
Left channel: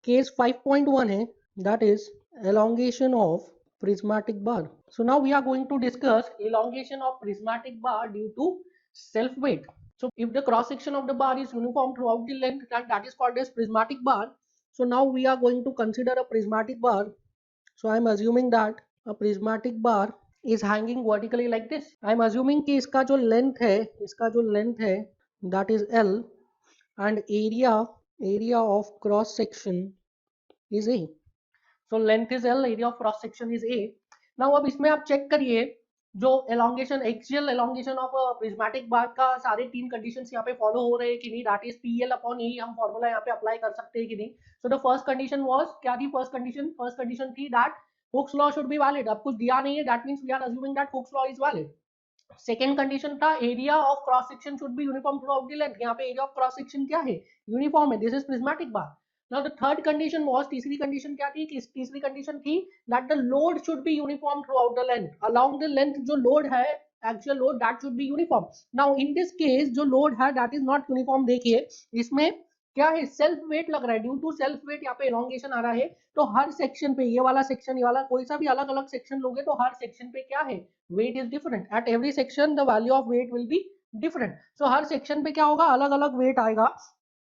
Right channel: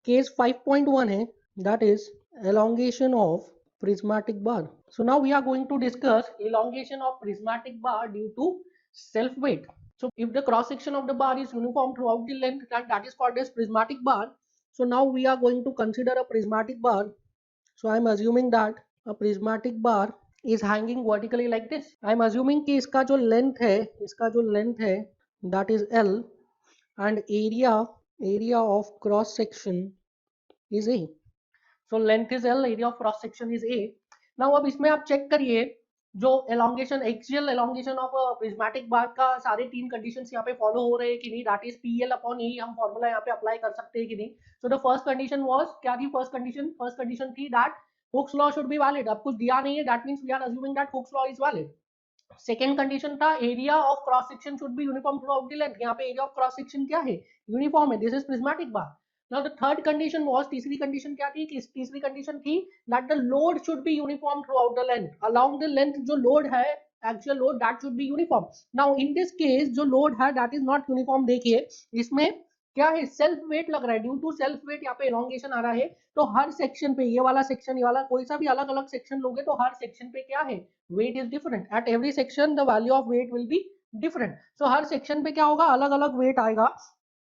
case 5.1 है, that is elongation of prismatic bar. So now we are going to discuss elongation of prismatic bar due to self weight. So if the cross section of the bar is uniform throughout the length, that is called as prismatic bar. So now we are going to consider a prismatic bar. So I am assuming that a prismatic bar is hanging vertically like this. I am assuming कि इसका जो length है that is L and area of cross section is A. So length is L, area of cross section is A. Now अब इसमें आप check करिए जो elongation, axial elongation of a prismatic bar का सारे तीन conditions यहाँ पे follow हो रहे हैं कि नहीं, that is PL upon E हम formula यहाँ पे apply कर सकते हैं कि नहीं. So the first condition was, क्या थी first condition? First condition थी that Hooke's law should be valid. अब कुछ दिया नहीं है, that means we are assuming that Hooke's law is valid. Second condition था area of cross section should be uniform throughout the length. यहाँ पे area of cross section क्या है, uniform है. This is prismatic bar. Now the third condition was, तीसरी condition क्या थी, तीसरी condition थी that the load should be uniform throughout the length. Along the length जो load है, actual load, that should be uniform. Now in this case जो load है that is not uniform. देखिए इसमें क्या है, सेल्फ वेट लग रहा है, ड्यू टू सेल्फ वेट यहाँ पे एलोंगेशन आ रहा है। तो हर सेक्शन पे, ये वाला सेक्शन, ये वाला, कोई सा भी अलग अलग सेक्शन लोगे तो हर सेक्शन पे क्या है, weight is different. At every section the value of weight will be different. So हर सेक्शन पे क्या होगा, अलग अलग वेट आएगा।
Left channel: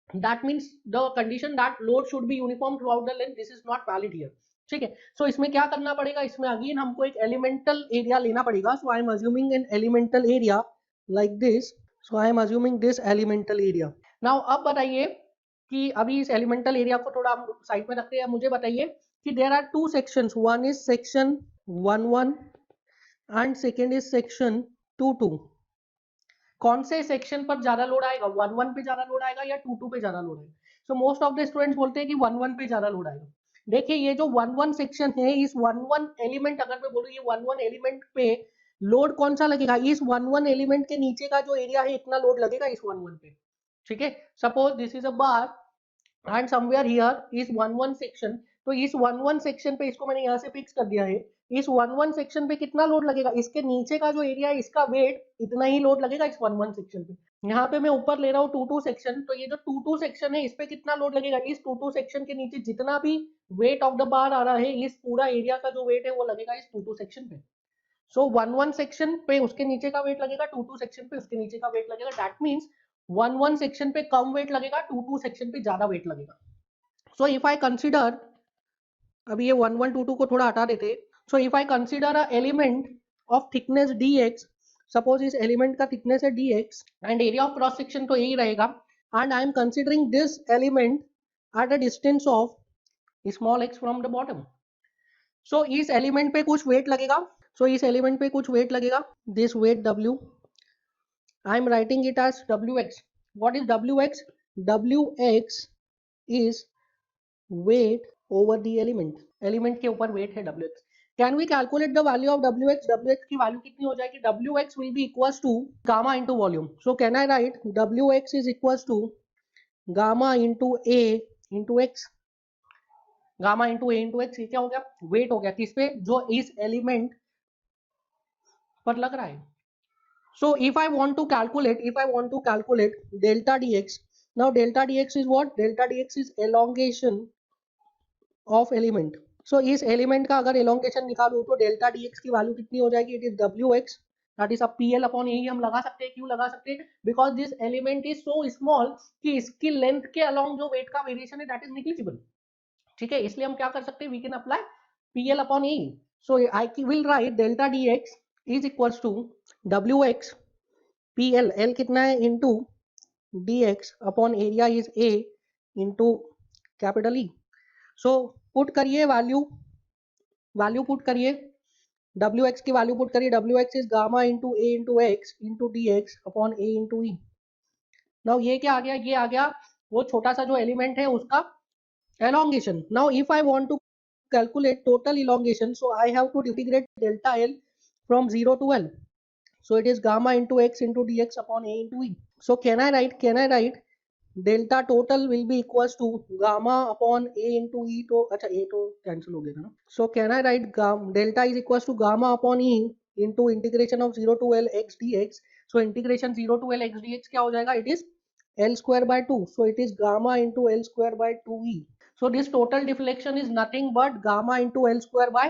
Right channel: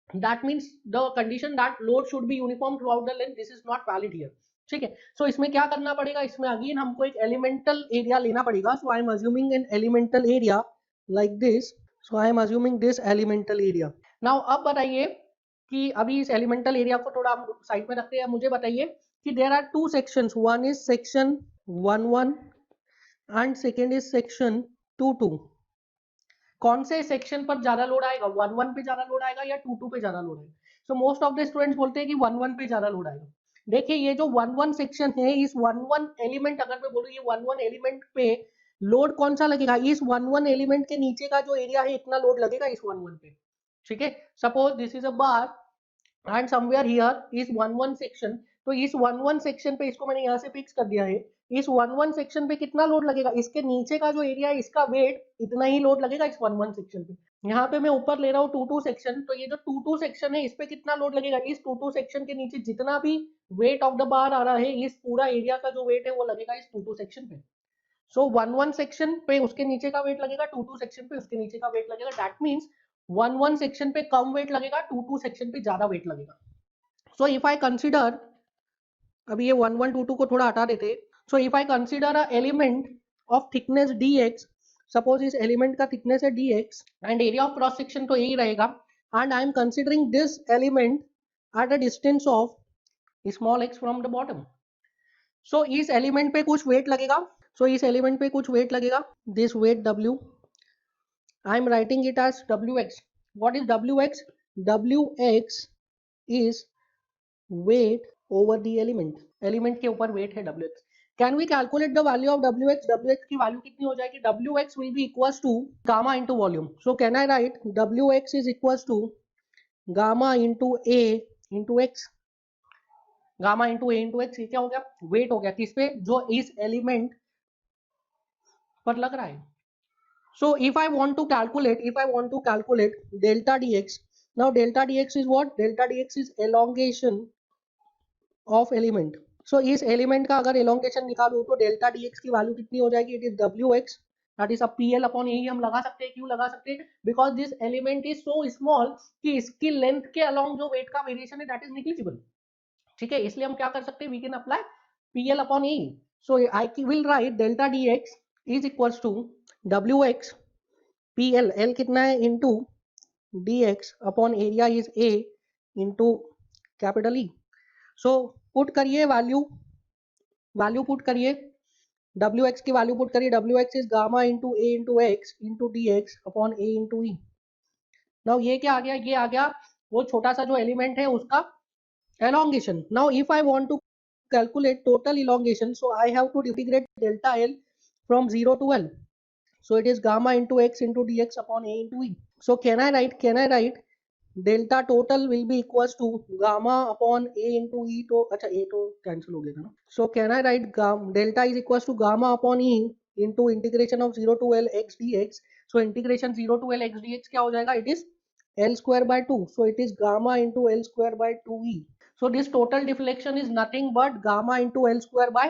That means the condition that load should be uniform throughout the length, this is not valid here. ठीक है, सो इसमें क्या करना पड़ेगा, इसमें अगेन हमको एक एलिमेंटल एरिया लेना पड़ेगा। So I am assuming an elemental area like this. So I am assuming this elemental area. Now अब बताइए कि अभी इस एलिमेंटल एरिया को थोड़ा हम साइड पे रखते हैं। मुझे बताइए कि there are two sections, one is section 1 and second is section 2 कौन से सेक्शन पर ज्यादा लोड आएगा, 1 पे ज्यादा लोड आएगा या 2 पे ज्यादा लोड आएगा? So most of the students बोलते हैं कि 1 पे ज्यादा लोड आएगा। देखिए ये जो 1 सेक्शन है, इस 1 एलिमेंट, अगर मैं बोलूँ ये 1 एलिमेंट पे लोड कौन सा लगेगा, इस 1 एलिमेंट के नीचे का जो एरिया है इतना लोड लगेगा इस 1 पे। ठीक है, suppose this is a bar and somewhere here is 1 section. तो इस 1 सेक्शन पे, इसको मैंने यहाँ से फिक्स कर दिया है, इस 1 सेक्शन पे कितना लोड लगेगा, इसके नीचे का जो एरिया है इसका वेट इतना ही लोड लगेगा इस 1 सेक्शन पे। यहाँ पे मैं ऊपर ले रहा हूँ 2 सेक्शन, तो ये जो 2 सेक्शन है इस पे कितना लोड लगेगा, इस 2 सेक्शन के नीचे जितना भी वेट ऑफ द बार आ रहा है, इस पूरा एरिया का जो वेट है वो लगेगा इस 2 सेक्शन पे। सो 1 सेक्शन पे उसके नीचे का वेट लगेगा, 2 सेक्शन पे उसके नीचे का वेट लगेगा। दैट मीन्स 1 सेक्शन पे कम वेट लगेगा, 2 सेक्शन पे ज्यादा वेट लगेगा। सो इफ आई कंसिडर, अभी ये 1 को थोड़ा हटा देते। So if I consider a element of thickness dx, suppose इस एलिमेंट का थिकनेस है dx and area of cross section तो यही रहेगा, and I am considering this element at a distance of small x from the bottom. So इस element पे कुछ weight लगेगा, इस एलिमेंट पे कुछ वेट लगेगा, this weight w, I am writing it as wx. What is wx? wx is weight over the element. Element के ऊपर वेट है wx. Can we calculate the value of wx? wx की value कितनी हो जाएगी? wx will be equals to gamma into volume. So can I write wx is equals to gamma into a into x. Gamma into A into x, क्या हो गया, wait हो गया किस पे, जो इस एलिमेंट पर लग रहा है। So if I want to calculate delta dx, now delta dx is what? Delta dx is elongation of element. So इस element का अगर elongation निकालूं तो delta dx की वैल्यू कितनी हो जाएगी? It is wx, that is a pl upon e। हम लगा सकते हैं, क्यों लगा सकते हैं? Because this element is so small कि इसकी length के along जो weight का variation है that is negligible। ठीक है, इसलिए हम क्या कर सकते हैं, we can apply pl upon e। So I will write delta dx is equals to wx PL, L कितना है, into dx upon area is a into capital E। So put करिए वैल्यू पुट करिए, wx की value put करिए, wx is gamma into a into x into dx upon a into E। Now ये क्या आ गया, ये आ गया वो छोटा सा जो एलिमेंट है उसका elongation. Now if I want to calculate total elongation, so I have to integrate delta L from 0 to L. So it is gamma into x into dx upon a into e. So can I write delta total will be equals to gamma upon a into e, तो अच्छा a तो cancel हो गया ना। So can I write delta is equals to gamma upon e into integration of 0 to L x dx. So integration 0 to L x dx क्या हो जाएगा, it is L square by 2. So it is gamma into L square by 2e. So this total deflection is nothing but gamma into L square by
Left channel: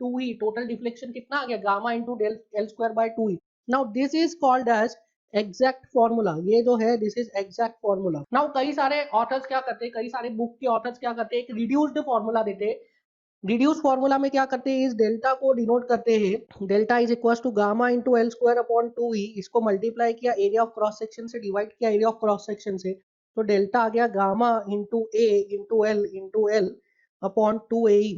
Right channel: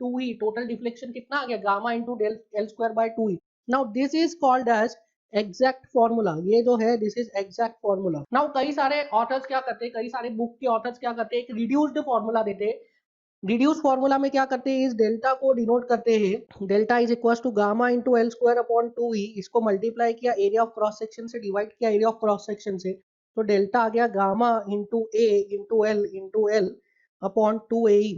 2e. Total deflection कितना आ गया, gamma into L square by 2e. Now this is called as exact formula. ये जो है this is exact formula. Now कई सारे authors क्या करते हैं, कई सारे बुक के ऑथर्स क्या करते हैं, एक रिड्यूस्ड फॉर्मूला देते हैं। रिड्यूस फॉर्मूला में क्या करते हैं, इस डेल्टा को डिनोट करते हैं, delta is equal to gamma into L square upon 2e। इसको मल्टीप्लाई किया एरिया ऑफ क्रॉस सेक्शन से, डिवाइड किया एरिया ऑफ क्रॉस सेक्शन से, तो डेल्टा आ गया gamma into A into L upon 2e।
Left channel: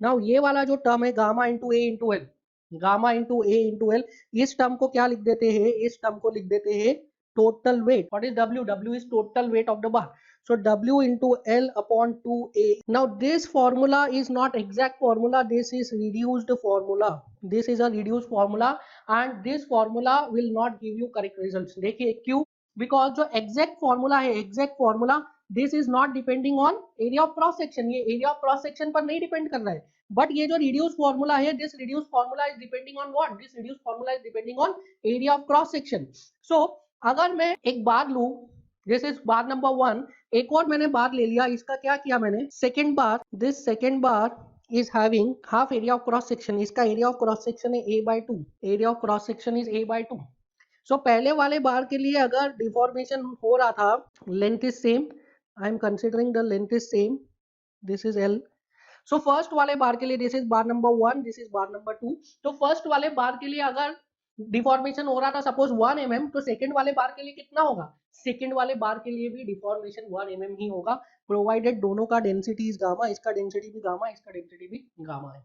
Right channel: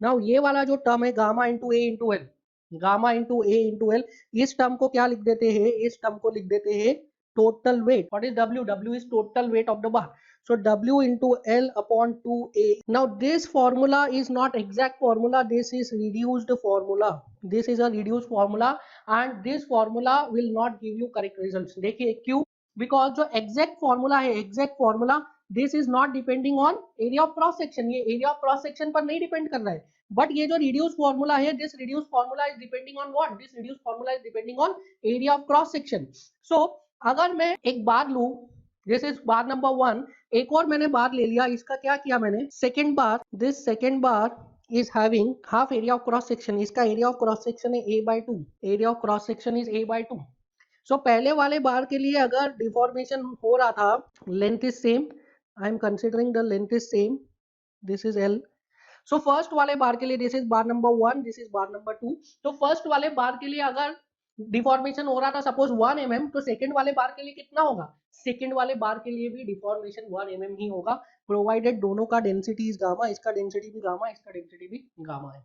Now ये वाला जो टर्म है gamma into A into L, gamma into A into L, इस टर्म को क्या लिख देते हैं, इस टर्म को लिख देते हैं total weight. What is w? w is total weight of the bar. So w into L upon 2a. Now this formula is not exact formula, this is reduced formula. This is a reduced formula and this formula will not give you correct results. देखिए क्यों? Because जो exact formula है, exact formula this is not depending on area of cross section। ये area of cross section पर नहीं depend कर रहा है, बट ये जो रिड्यूस फॉर्मूला है, this reduce formula is depending on what, this reduce formula is depending on area of cross section. So अगर मैं एक बार लूं, दिस इज बार नंबर 1, एक और मैंने बार ले लिया, इसका क्या किया मैंने, second bar, this second bar is having half area of cross section, इसका area of cross section है a/2, area of cross section is a/2. सो पहले वाले बार के लिए अगर डिफॉर्मेशन हो रहा था, length is same, I am considering the length is same, this is L. So first वाले बार के लिए this is bar number 1, this is bar number 2. तो फर्स्ट वाले बार के लिए अगर डिफॉर्मेशन हो रहा था सपोज 1 mm, तो सेकंड वाले बार के लिए कितना होगा, सेकंड वाले बार के लिए भी डिफॉर्मेशन 1 mm ही होगा, प्रोवाइडेड दोनों का डेंसिटी इज गामा, इसका डेंसिटी भी गामा, इसका डेंसिटी भी गामा है.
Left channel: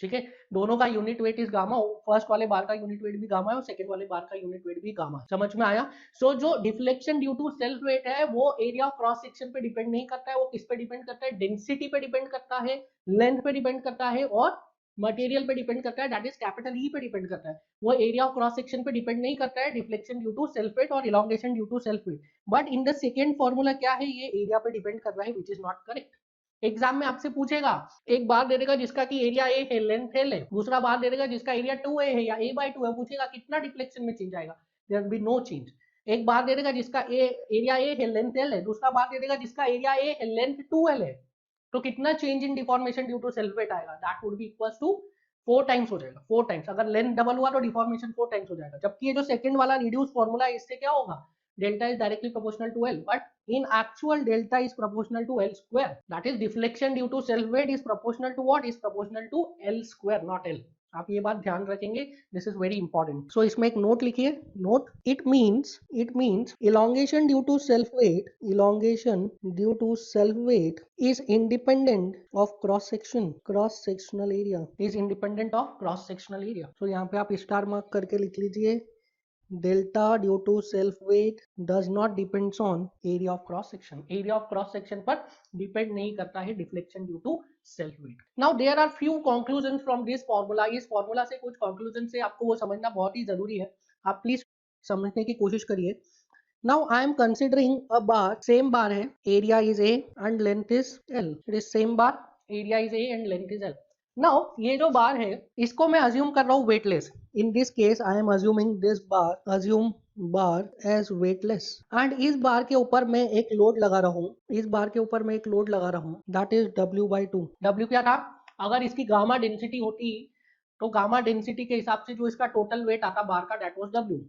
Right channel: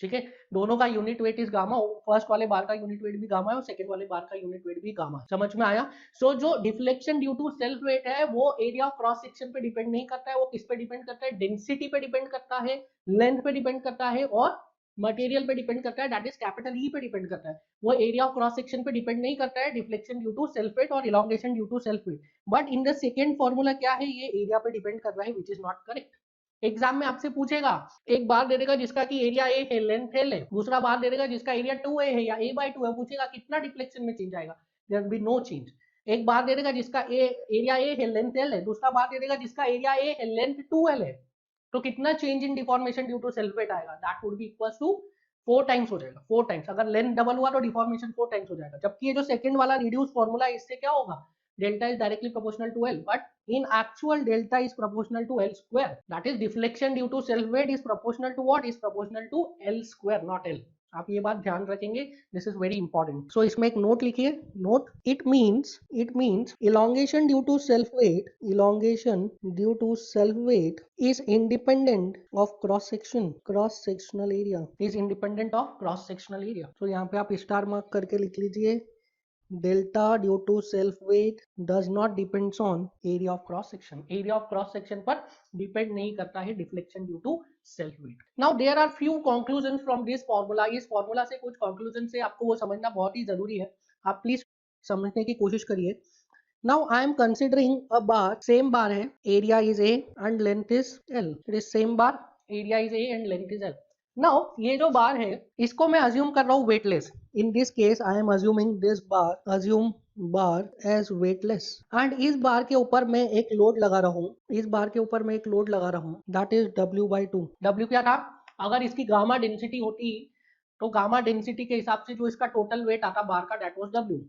ठीक है, दोनों का unit weight is gamma, first वाले बार का यूनिट वेट भी गामा है और सेकंड वाले बार का यूनिट वेट भी गामा है. समझ में आया. सो जो deflection due to self weight है वो एरिया ऑफ क्रॉस सेक्शन पे डिपेंड नहीं करता है, वो किस पे डिपेंड करता है, डेंसिटी पे डिपेंड करता है, लेंथ पे डिपेंड करता है और मटेरियल पे डिपेंड करता है, दैट इज कैपिटल ई पे डिपेंड करता है. वो एरिया ऑफ क्रॉस सेक्शन पे डिपेंड नहीं करता है, deflection due to self weight और elongation due to self weight. But in the second formula क्या है, ये एरिया पे डिपेंड कर रहा है, which is not correct. Exam में आपसे पूछेगा, एक बार दे देगा जिसका कि एरिया ए है, लेंथ एल है, दूसरा बार दे देगा जिसका एरिया 2a है या a/2 है, पूछेगा कितना डिफ्लेक्शन में चेंज आएगा, there will be no change. एक बार दे देगा जिसका एरिया ए है, लेंथ एल है, दूसरा बार दे देगा जिसका एरिया ए है, लेंथ 2l है, तो कितना change in deformation due to self weight आएगा, that would be equals to 4 times हो जाएगा, 4 टाइम्स. अगर लेंथ डबल हुआ तो डिफॉर्मेशन 4 टाइम्स हो जाएगा. जबकि ये जो सेकंड वाला रिड्यूस फार्मूला है, इससे क्या होगा, delta is directly proportional to L, but in actual delta is proportional to L square. That is deflection due to self weight is proportional to what, is proportional to L square, not L. आप ये बात ध्यान रखेंगे, this is very important. सो इसमें एक note लिखिए, note, it means elongation due to self weight, elongation due to self weight is independent of cross sectional area, is independent of cross sectional area. so यहाँ पे आप star mark करके लिख लीजिए, delta due to self weight does not depends on area of cross section. area of cross section पर depend नहीं करता है deflection due to self weight. Now there are few conclusions from this formula. इस formula से कुछ conclusion से आपको वो समझना बहुत ही जरूरी है, आप प्लीज समझने की कोशिश करिए. Now I am considering a bar, same bar है, area is A and length is L. It is same bar, area is A and length is L. Now ये जो बार है इसको मैं अज्यूम कर रहा हूँ weightless. In this case I am assuming this bar, assume bar as weightless, and इस बार के ऊपर मैं एक लोड लगा रहा हूँ, इस बार के ऊपर मैं एक लोड लगा रहा हूँ, that is W/2. W क्या था, अगर इसकी गामा डेंसिटी होती तो गामा डेंसिटी के हिसाब से जो इसका टोटल वेट आता बार का, that was W.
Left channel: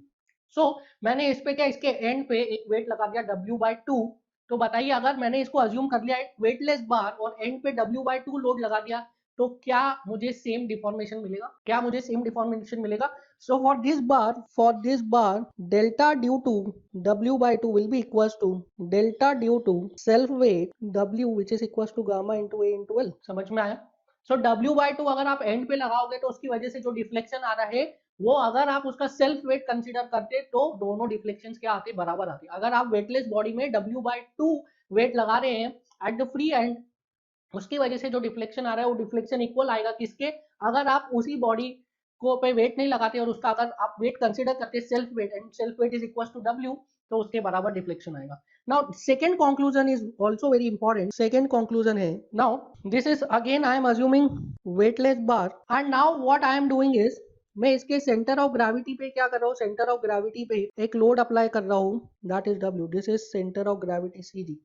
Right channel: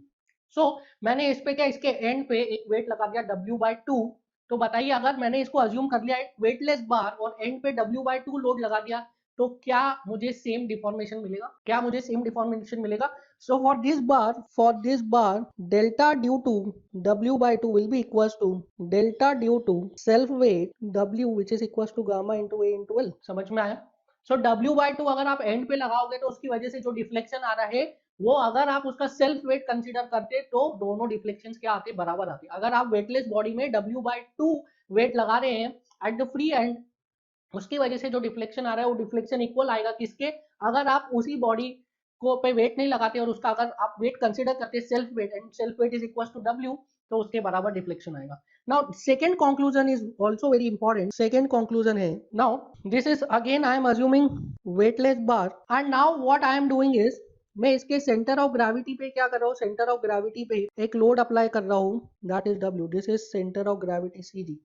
सो मैंने इस पे क्या, इसके एंड पे एक वेट लगा दिया W/2. तो बताइए अगर मैंने इसको अज्यूम कर लिया वेटलेस बार और एंड पे W/2 लोड लगा दिया, तो क्या मुझे सेम डिफॉर्मेशन मिलेगा, क्या मुझे सेम डिफॉर्मेशन मिलेगा. So for this bar delta due to W/2 will be equals to delta due to self weight W which is equals to gamma into A into L. समझ में आया. सो W/2 अगर आप and पे लगाओगे तो उसकी वजह से जो डिफ्लेक्शन आ रहा है वो अगर आप उसका सेल्फ वेट कंसीडर करते तो दोनों डिफ्लेक्शन क्या आते, बराबर आते. अगर आप वेटलेस बॉडी में W/2 वेट लगा रहे हैं एट द फ्री एंड, उसकी वजह से जो डिफ्लेक्शन आ रहा है वो डिफ्लेक्शन इक्वल आएगा किसके, अगर आप उसी बॉडी को पे वेट नहीं लगाते और उसका अगर आप वेट कंसीडर करते self weight and self weight is equal to W, तो उसके बराबर डिफ्लेक्शन आएगा. Now second conclusion is also very important. Second conclusion है, now this is again I am assuming weightless bar and now what I am doing is, मैं इसके centre of gravity पे क्या कर रहा हूँ, सेंटर ऑफ ग्रेविटी पे एक लोड अप्लाई कर रहा हूँ, that is W. This is centre of gravity CG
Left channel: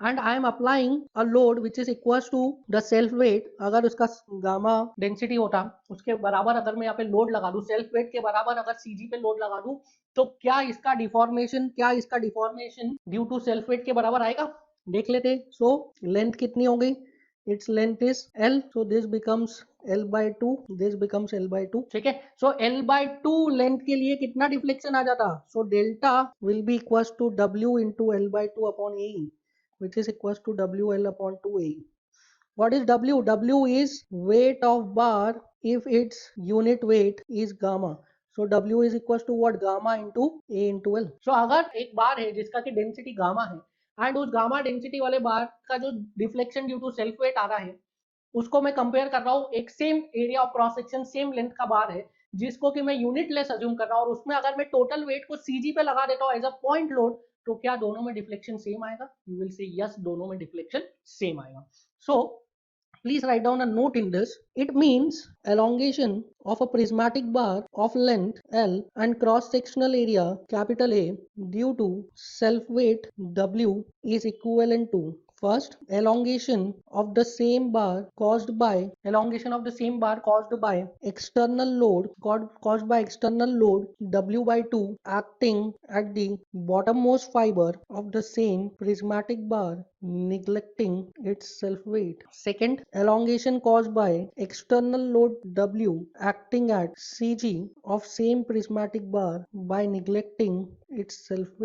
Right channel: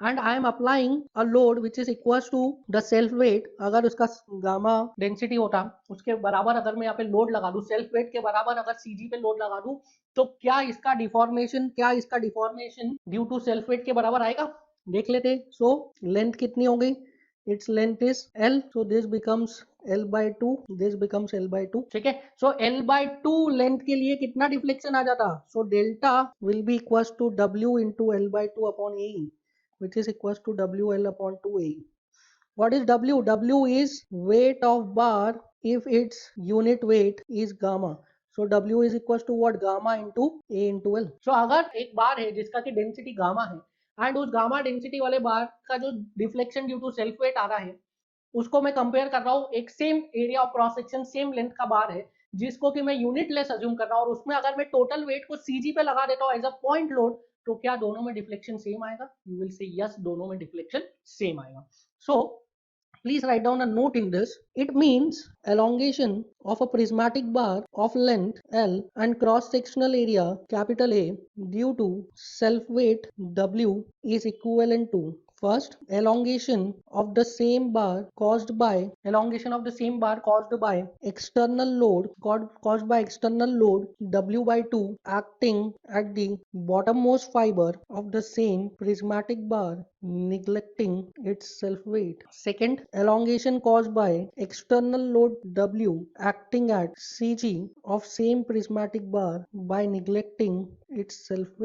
and I am applying a load which is equals to the self weight. अगर उसका गामा डेंसिटी होता उसके बराबर अगर मैं यहाँ पे लोड लगा दूं, सेल्फ वेट के बराबर अगर CG पे लोड लगा दूं, तो क्या इसका deformation due to self weight के बराबर आएगा, देख लेते. सो लेंथ कितनी हो गई, its length is L, so this becomes L/2, this becomes L/2. ठीक है. सो L/2 लेंथ के लिए कितना डिफ्लेक्शन आ जाता, so delta will be equals to W into L/2 upon AE, which is equals to WL upon 2AE. What is W? W is weight of bar if its unit weight is gamma. So W is equals to what, gamma into A into L. So अगर एक बार है जिसका की density gamma है and उस gamma density वाले bar का जो deflection due to self weight आ रहा है उसको मैं कंपेयर कर रहा हूँ एक same area of cross section same length का बार है जिसको कि मैं यूनिट लेस अज्यूम कर रहा हूँ और उसमें अगर मैं टोटल वेट को CG पे लगा देता हूँ एज अ पॉइंट लोड, तो क्या दोनों में डिफ्लेक्शन सेम आएगा, यू विल से यस, दोनों में डिफ्लेक्शन सेम आएगा. सो Please write down a note in this. It means elongation of a prismatic bar of length L and cross-sectional area capital A due to self-weight W is equivalent to first elongation of the same bar caused by external load W by 2 acting at the bottommost fiber of the same prismatic bar neglecting its self-weight. Second, elongation caused by external load W acting at CG of same prismatic bar by neglecting its self-weight.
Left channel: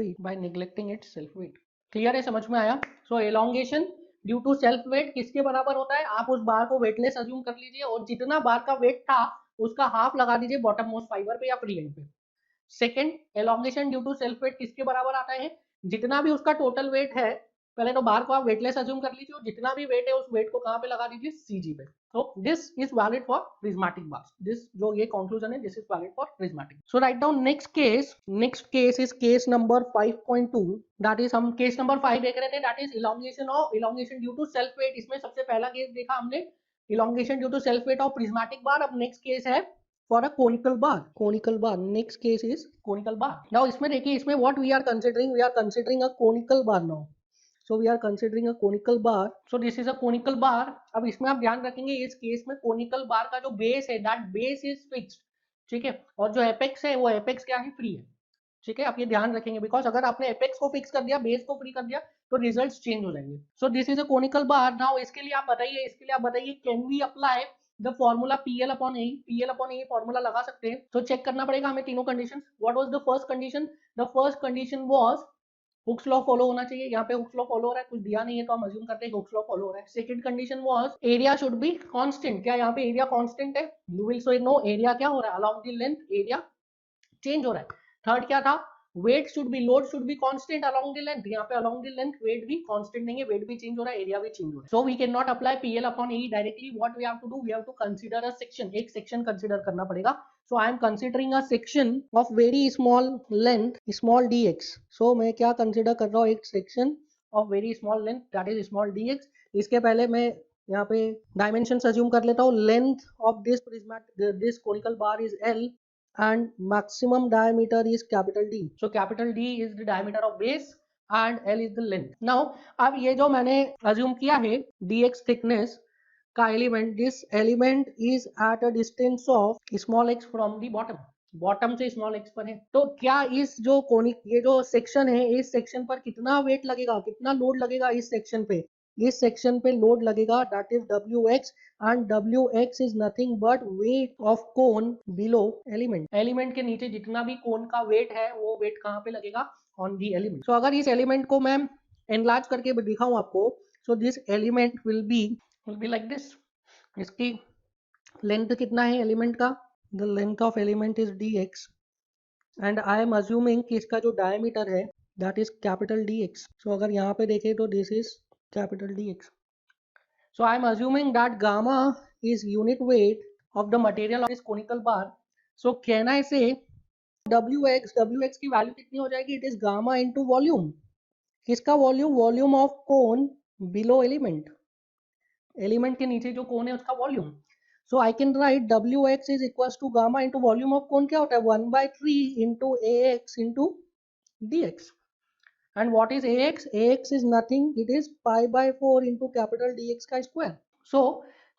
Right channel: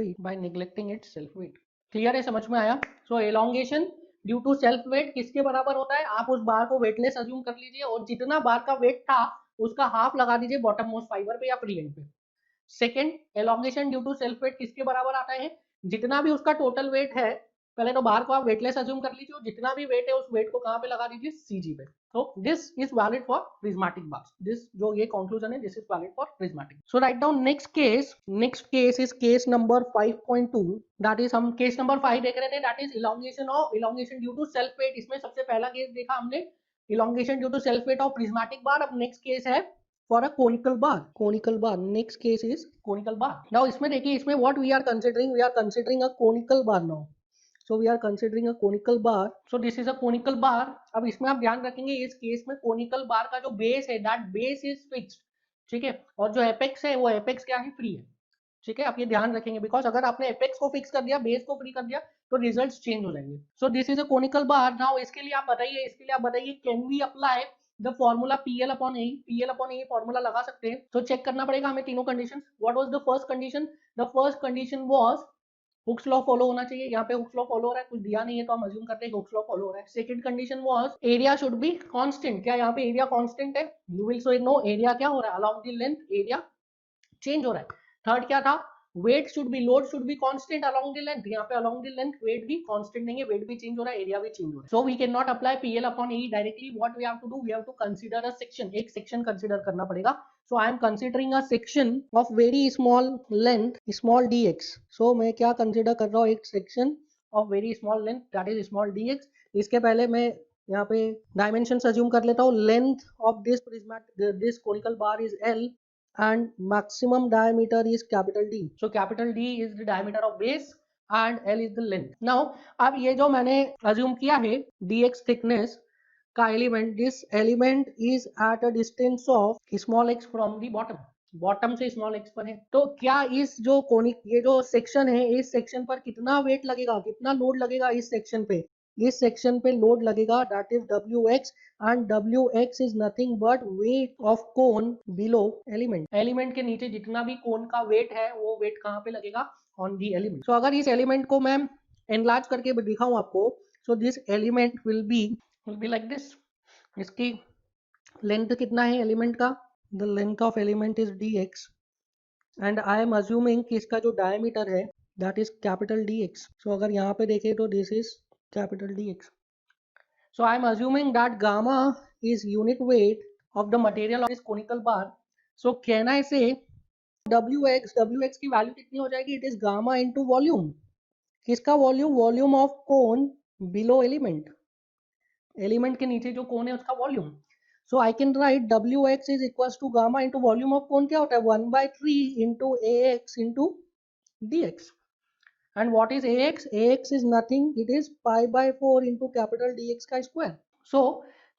Clear है, समझ में आया? So elongation due to self weight किसके बराबर होता है? आप उस बार को वेटलेस अज्यूम कर लीजिए और जितना बार का वेट था उसका हाफ लगा दीजिए बॉटम मोस्ट फाइबर पे या फ्री एंड पे। Second, elongation due to self weight किसके बराबर आता है? जितना भी उसका टोटल वेट है, पहले तो बार को आप वेटलेस अज्यूम कर लीजिए और जितना भी वेट है उस वेट को कहां पे लगा दीजिए? सीजी पे। So this is valid for prismatic bars. This जो ये conclusion है, this is valid for prismatic. So write down next case. Next case is case number 5.2. That is हम case number 5 देख रहे थे. That is elongation due to self weight. इसमें सबसे पहला केस देखा हमने elongation due to self weight of prismatic bar. अब next case है for a conical bar. Next case is conical bar. Now इसमें देखिए, इसमें what we are considering? We are considering a conical bar now. So we are considering a conical bar. So this is a conical bar. अब इसमें आप ध्यान रखेंगे इस case में conical bar का जो बेस है that base is fixed, ठीक है, और जो एपेक्स है वो एपेक्स क्या है? फ्री है, ठीक है। आप ये ध्यान रखेंगे बिकॉज अगर आपने एपेक्स को फिक्स कर दिया, बेस को फ्री कर दिया तो रिजल्ट्स चेंज हो जाएंगे। So this is a conical bar. Now इसके लिए आप बताइए can we apply the formula PL upon a formula लगा सकते हैं। तो चेक करना पड़ेगा हमें तीनों condition. What was the first condition? The first condition was Hooke's law follow होना चाहिए। यहाँ पे हुक्स लॉ फॉलो हो रहा है, कुछ दिया नहीं है तो हम अज्यूम करते हैं हुक्स लॉ फॉलो हो रहा है। Second condition was area should be constant. क्या यहाँ पे एरिया कांस्टेंट है? You will so no area क्या हो रहा है? Along the length area change हो रहा है। थर्ड क्या था? Load should be constant along the length. यहाँ पे अलोंग द लेंथ वेट भी कांस्टेंट नहीं है, वेट भी चेंज हो रहा है, एरिया भी चेंज हो रहा है। So we can not apply PL upon A directly. What we have to do? We have to consider a section. एक सेक्शन कंसीडर करना पड़ेगा। So I am considering a section of very small length small dx। So मैं क्या consider कर रहा हूँ? एक section of very small length that is small dx। इसके पहले मैं यहाँ पे डायमेंशन अज्यूम कर लेता हूँ। Length of this conical bar is L and maximum diameter is capital D. So capital D is the diameter of base and L is the length. Now अब ये जो मैंने assume किया है dx thickness का element, this element is eight a distance of small x from the bottom से small x पर है। तो क्या इस जो कोनिक ये जो सेक्शन है, इस सेक्शन पर कितना वेट लगेगा, कितना लोड लगेगा इस सेक्शन पे? इस सेक्शन पे लोड लगेगा that is Wx and Wx is nothing but weight of cone below element के नीचे जितना भी कोन का वेट है वो वेट कहाँ पे लगेगा? On the element. तो अगर इस एलिमेंट को मैं एनलार्ज करके दिखाऊं आपको, so this element will be like this. इसकी लेंथ कितना है एलिमेंट का? The length of element is dx and I am assuming कि इसका जो डायमीटर है दैट इज कैपिटल dx। सो अगर यहाँ पे देखें तो this is capital dx। So I am assuming that gamma is unit weight of the material of this conical bar. So can I say Wx की वैल्यू कितनी हो जाएगी? It is gamma into volume. किसका volume? Volume of cone below element के नीचे जो कोन है उसका volume. So I can write Wx is equals to gamma into volume of कोन। क्या होता है? 1/3 into Ax into dx. And what is Ax? Ax is nothing, it is pi by 4 into capital Dx का square. So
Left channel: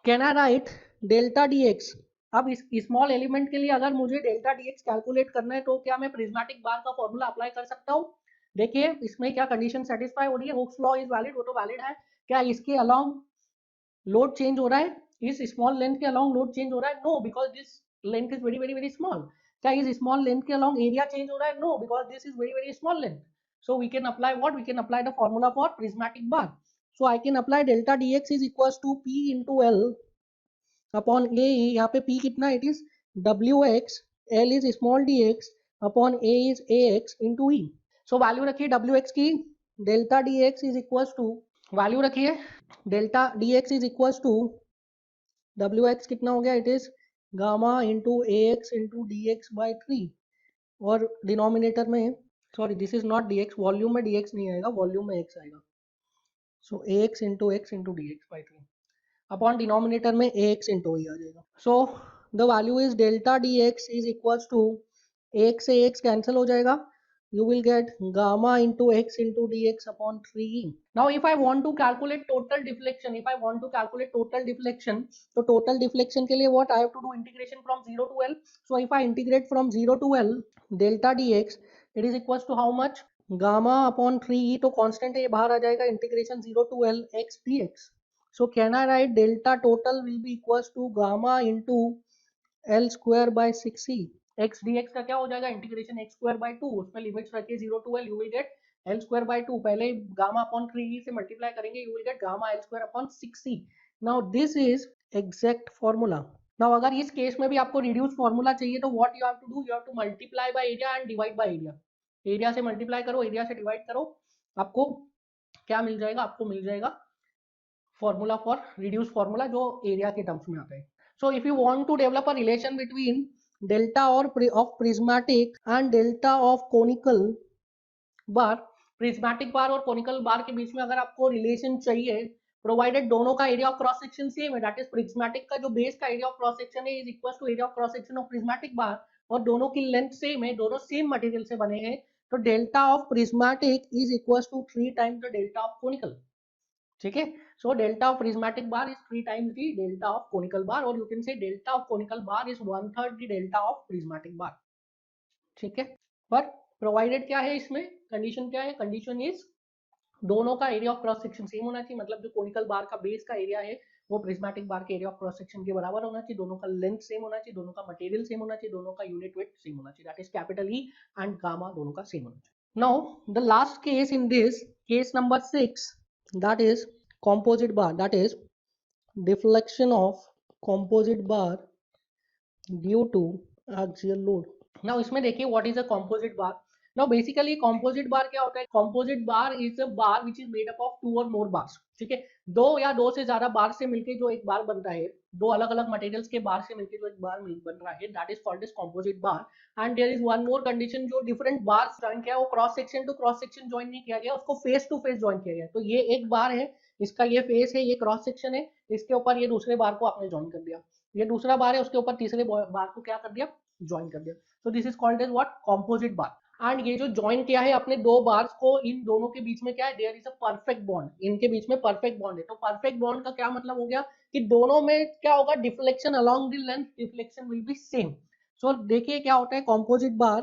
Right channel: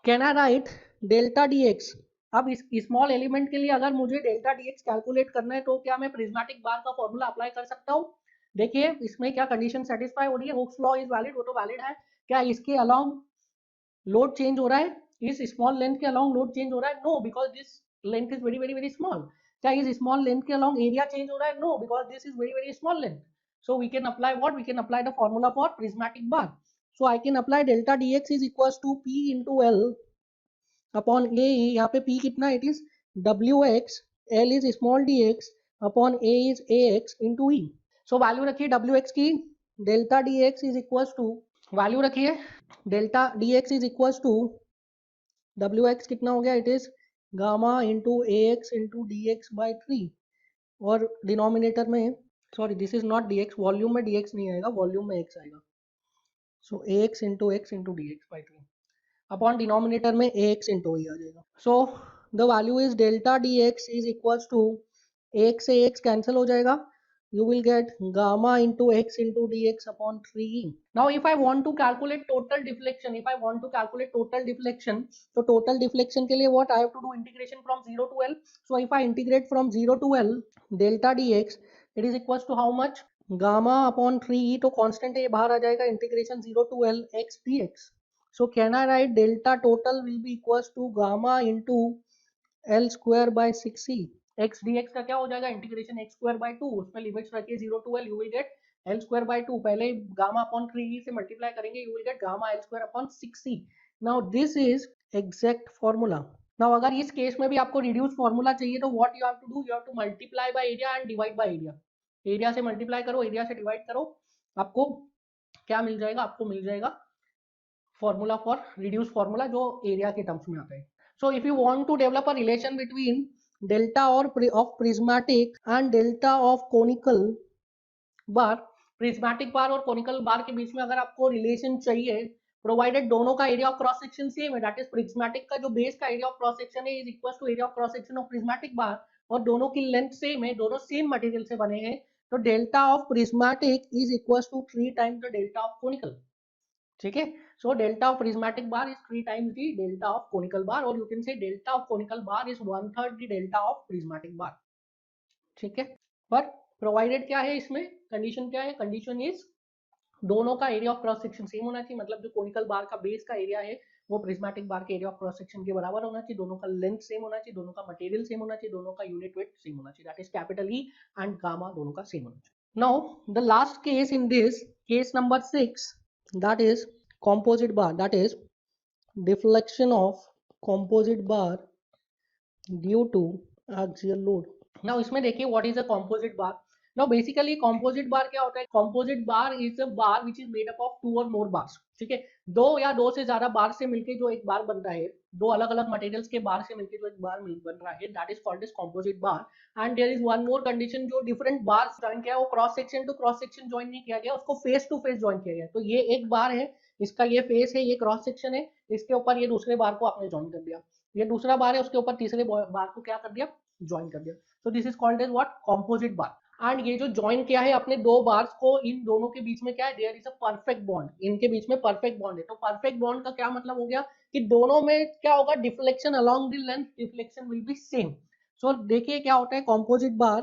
can I write delta dx? अब इस small element के लिए अगर मुझे डेल्टा dx कैलकुलेट करना है तो क्या मैं प्रिज्मेटिक बार का फॉर्मूला अप्लाई कर सकता हूँ? देखिए इसमें क्या कंडीशन सेटिस्फाई हो रही है? हुक्स लॉ इज वैलिड, वो तो वैलिड है। क्या इसके अलोंग लोड चेंज हो रहा है? इस स्मॉल लेंथ के अलोंग लोड चेंज हो रहा है? No, because this length is very very very small. क्या इस स्मॉल लेंथ के अलोंग एरिया चेंज हो रहा है? No, because this is very very small length. So we can apply what? We can apply the formula for prismatic bar. So I can apply delta dx is equals to P into L upon A। यहाँ पे P कितना? It is Wx, L is small dx upon A is Ax into E. So value रखिए Wx की, delta dx is equals to, value रखिए delta dx is equals to Wx कितना हो गया? It is gamma into Ax into dx by 3 और denominator में sorry this is not dx, volume में dx नहीं आएगा, वॉल्यूम में x आएगा। So ax into x into dx by 3। Upon denominator में ax इंटू ई आ जाएगा. So the value is delta dx is equals to एक से x कैंसिल हो जाएगा. You will get gamma into x into dx upon 3e. Now if I want to calculate total deflection, so total deflection के लिए what I have to do integration from 0 to L. So if I integrate from 0 to L, delta dx, it is equals to how much? Gamma upon 3e to constant ये बाहर आ जाएगा, integration 0 to L x dx. So can I write delta total will be equals to gamma into L square by 6e. x dx का क्या हो जाएगा? Integration x square by 2, उसमें limits रखिए 0 to L, you will get L square by 2. पहले gamma upon 3e से multiply करेंगे, you will get gamma L square upon 6e. Now this is exact formula. Now अगर इस case में भी आपको रिड्यूस फॉर्मूला चाहिए तो what you have to do? You have to multiply by area and divide by area. Area से multiply करो, area से डिवाइड करो, आपको क्या मिल जाएगा? आपको मिल जाएगा फॉर्मूला फॉर रिड्यूस फॉर्मूला जो एरिया के टर्म्स में आता है. So if you want to develop a relation between delta of prismatic and delta of conical bar, prismatic bar और conical bar के बीच में अगर आपको रिलेशन चाहिए, प्रोवाइडेड दोनों का area of cross section same है, दैट इज प्रिज्मेटिक का जो बेस का एरिया ऑफ क्रॉस सेक्शन है is equal to area of cross section of prismatic bar, और दोनों की लेंथ सेम है, दोनों सेम मटेरियल से बने हैं, तो delta of prismatic is equal to 3 times the delta of conical. ठीक है. So delta of prismatic bar is 3 times the delta of conical bar, or you can say delta of conical bar is 1/3 the delta of prismatic bar. ठीक है. पर provided क्या है इसमें? Condition क्या है? कंडीशन इज दोनों का area of cross section same होना चाहिए, मतलब जो कोनिकल बार का बेस का एरिया है वो प्रिज्मेटिक बार के एरिया ऑफ क्रॉस सेक्शन के बराबर होना चाहिए, दोनों का लेंथ सेम होना चाहिए, दोनों का मटेरियल सेम होना चाहिए, दोनों का यूनिट वेट सेम होना चाहिए, that is capital E and gamma दोनों का सेम होना चाहिए. Now the last case in this case number 6, that is composite bar, that is deflection of composite bar due to axial load. Now इसमें देखिए what is a composite bar. Now basically composite bar क्या होता है? Composite bar is a bar which is made up of 2 or more bars. ठीक है. दो या दो से ज्यादा बार से मिलकर जो एक बार बनता है, दो अलग अलग मटेरियल्स के बार से मिलकर जो एक बार बन रहा है, that is called as composite bar. And there is one more condition, जो different bars ज्वाइन किया, वो cross section two cross section join नहीं किया गया, उसको फेस टू फेस ज्वाइन किया गया. तो ये एक बार है, इसका ये फेस है, ये क्रॉस सेक्शन है, इसके ऊपर ये दूसरे बार को आपने ज्वाइन कर दिया, ये दूसरा बार है, उसके ऊपर तीसरे बार को क्या कर दिया? ज्वाइन कर दिया. So this is called as what? Composite bar. And ये जो ज्वाइन किया है अपने दो बार्स को, इन दोनों के बीच में क्या है? There is a perfect bond, इनके बीच में परफेक्ट बॉन्ड है. तो परफेक्ट बॉन्ड का क्या मतलब हो गया कि दोनों में क्या होगा? Deflection along the length, deflection will be same. So देखिए क्या होता है composite bar.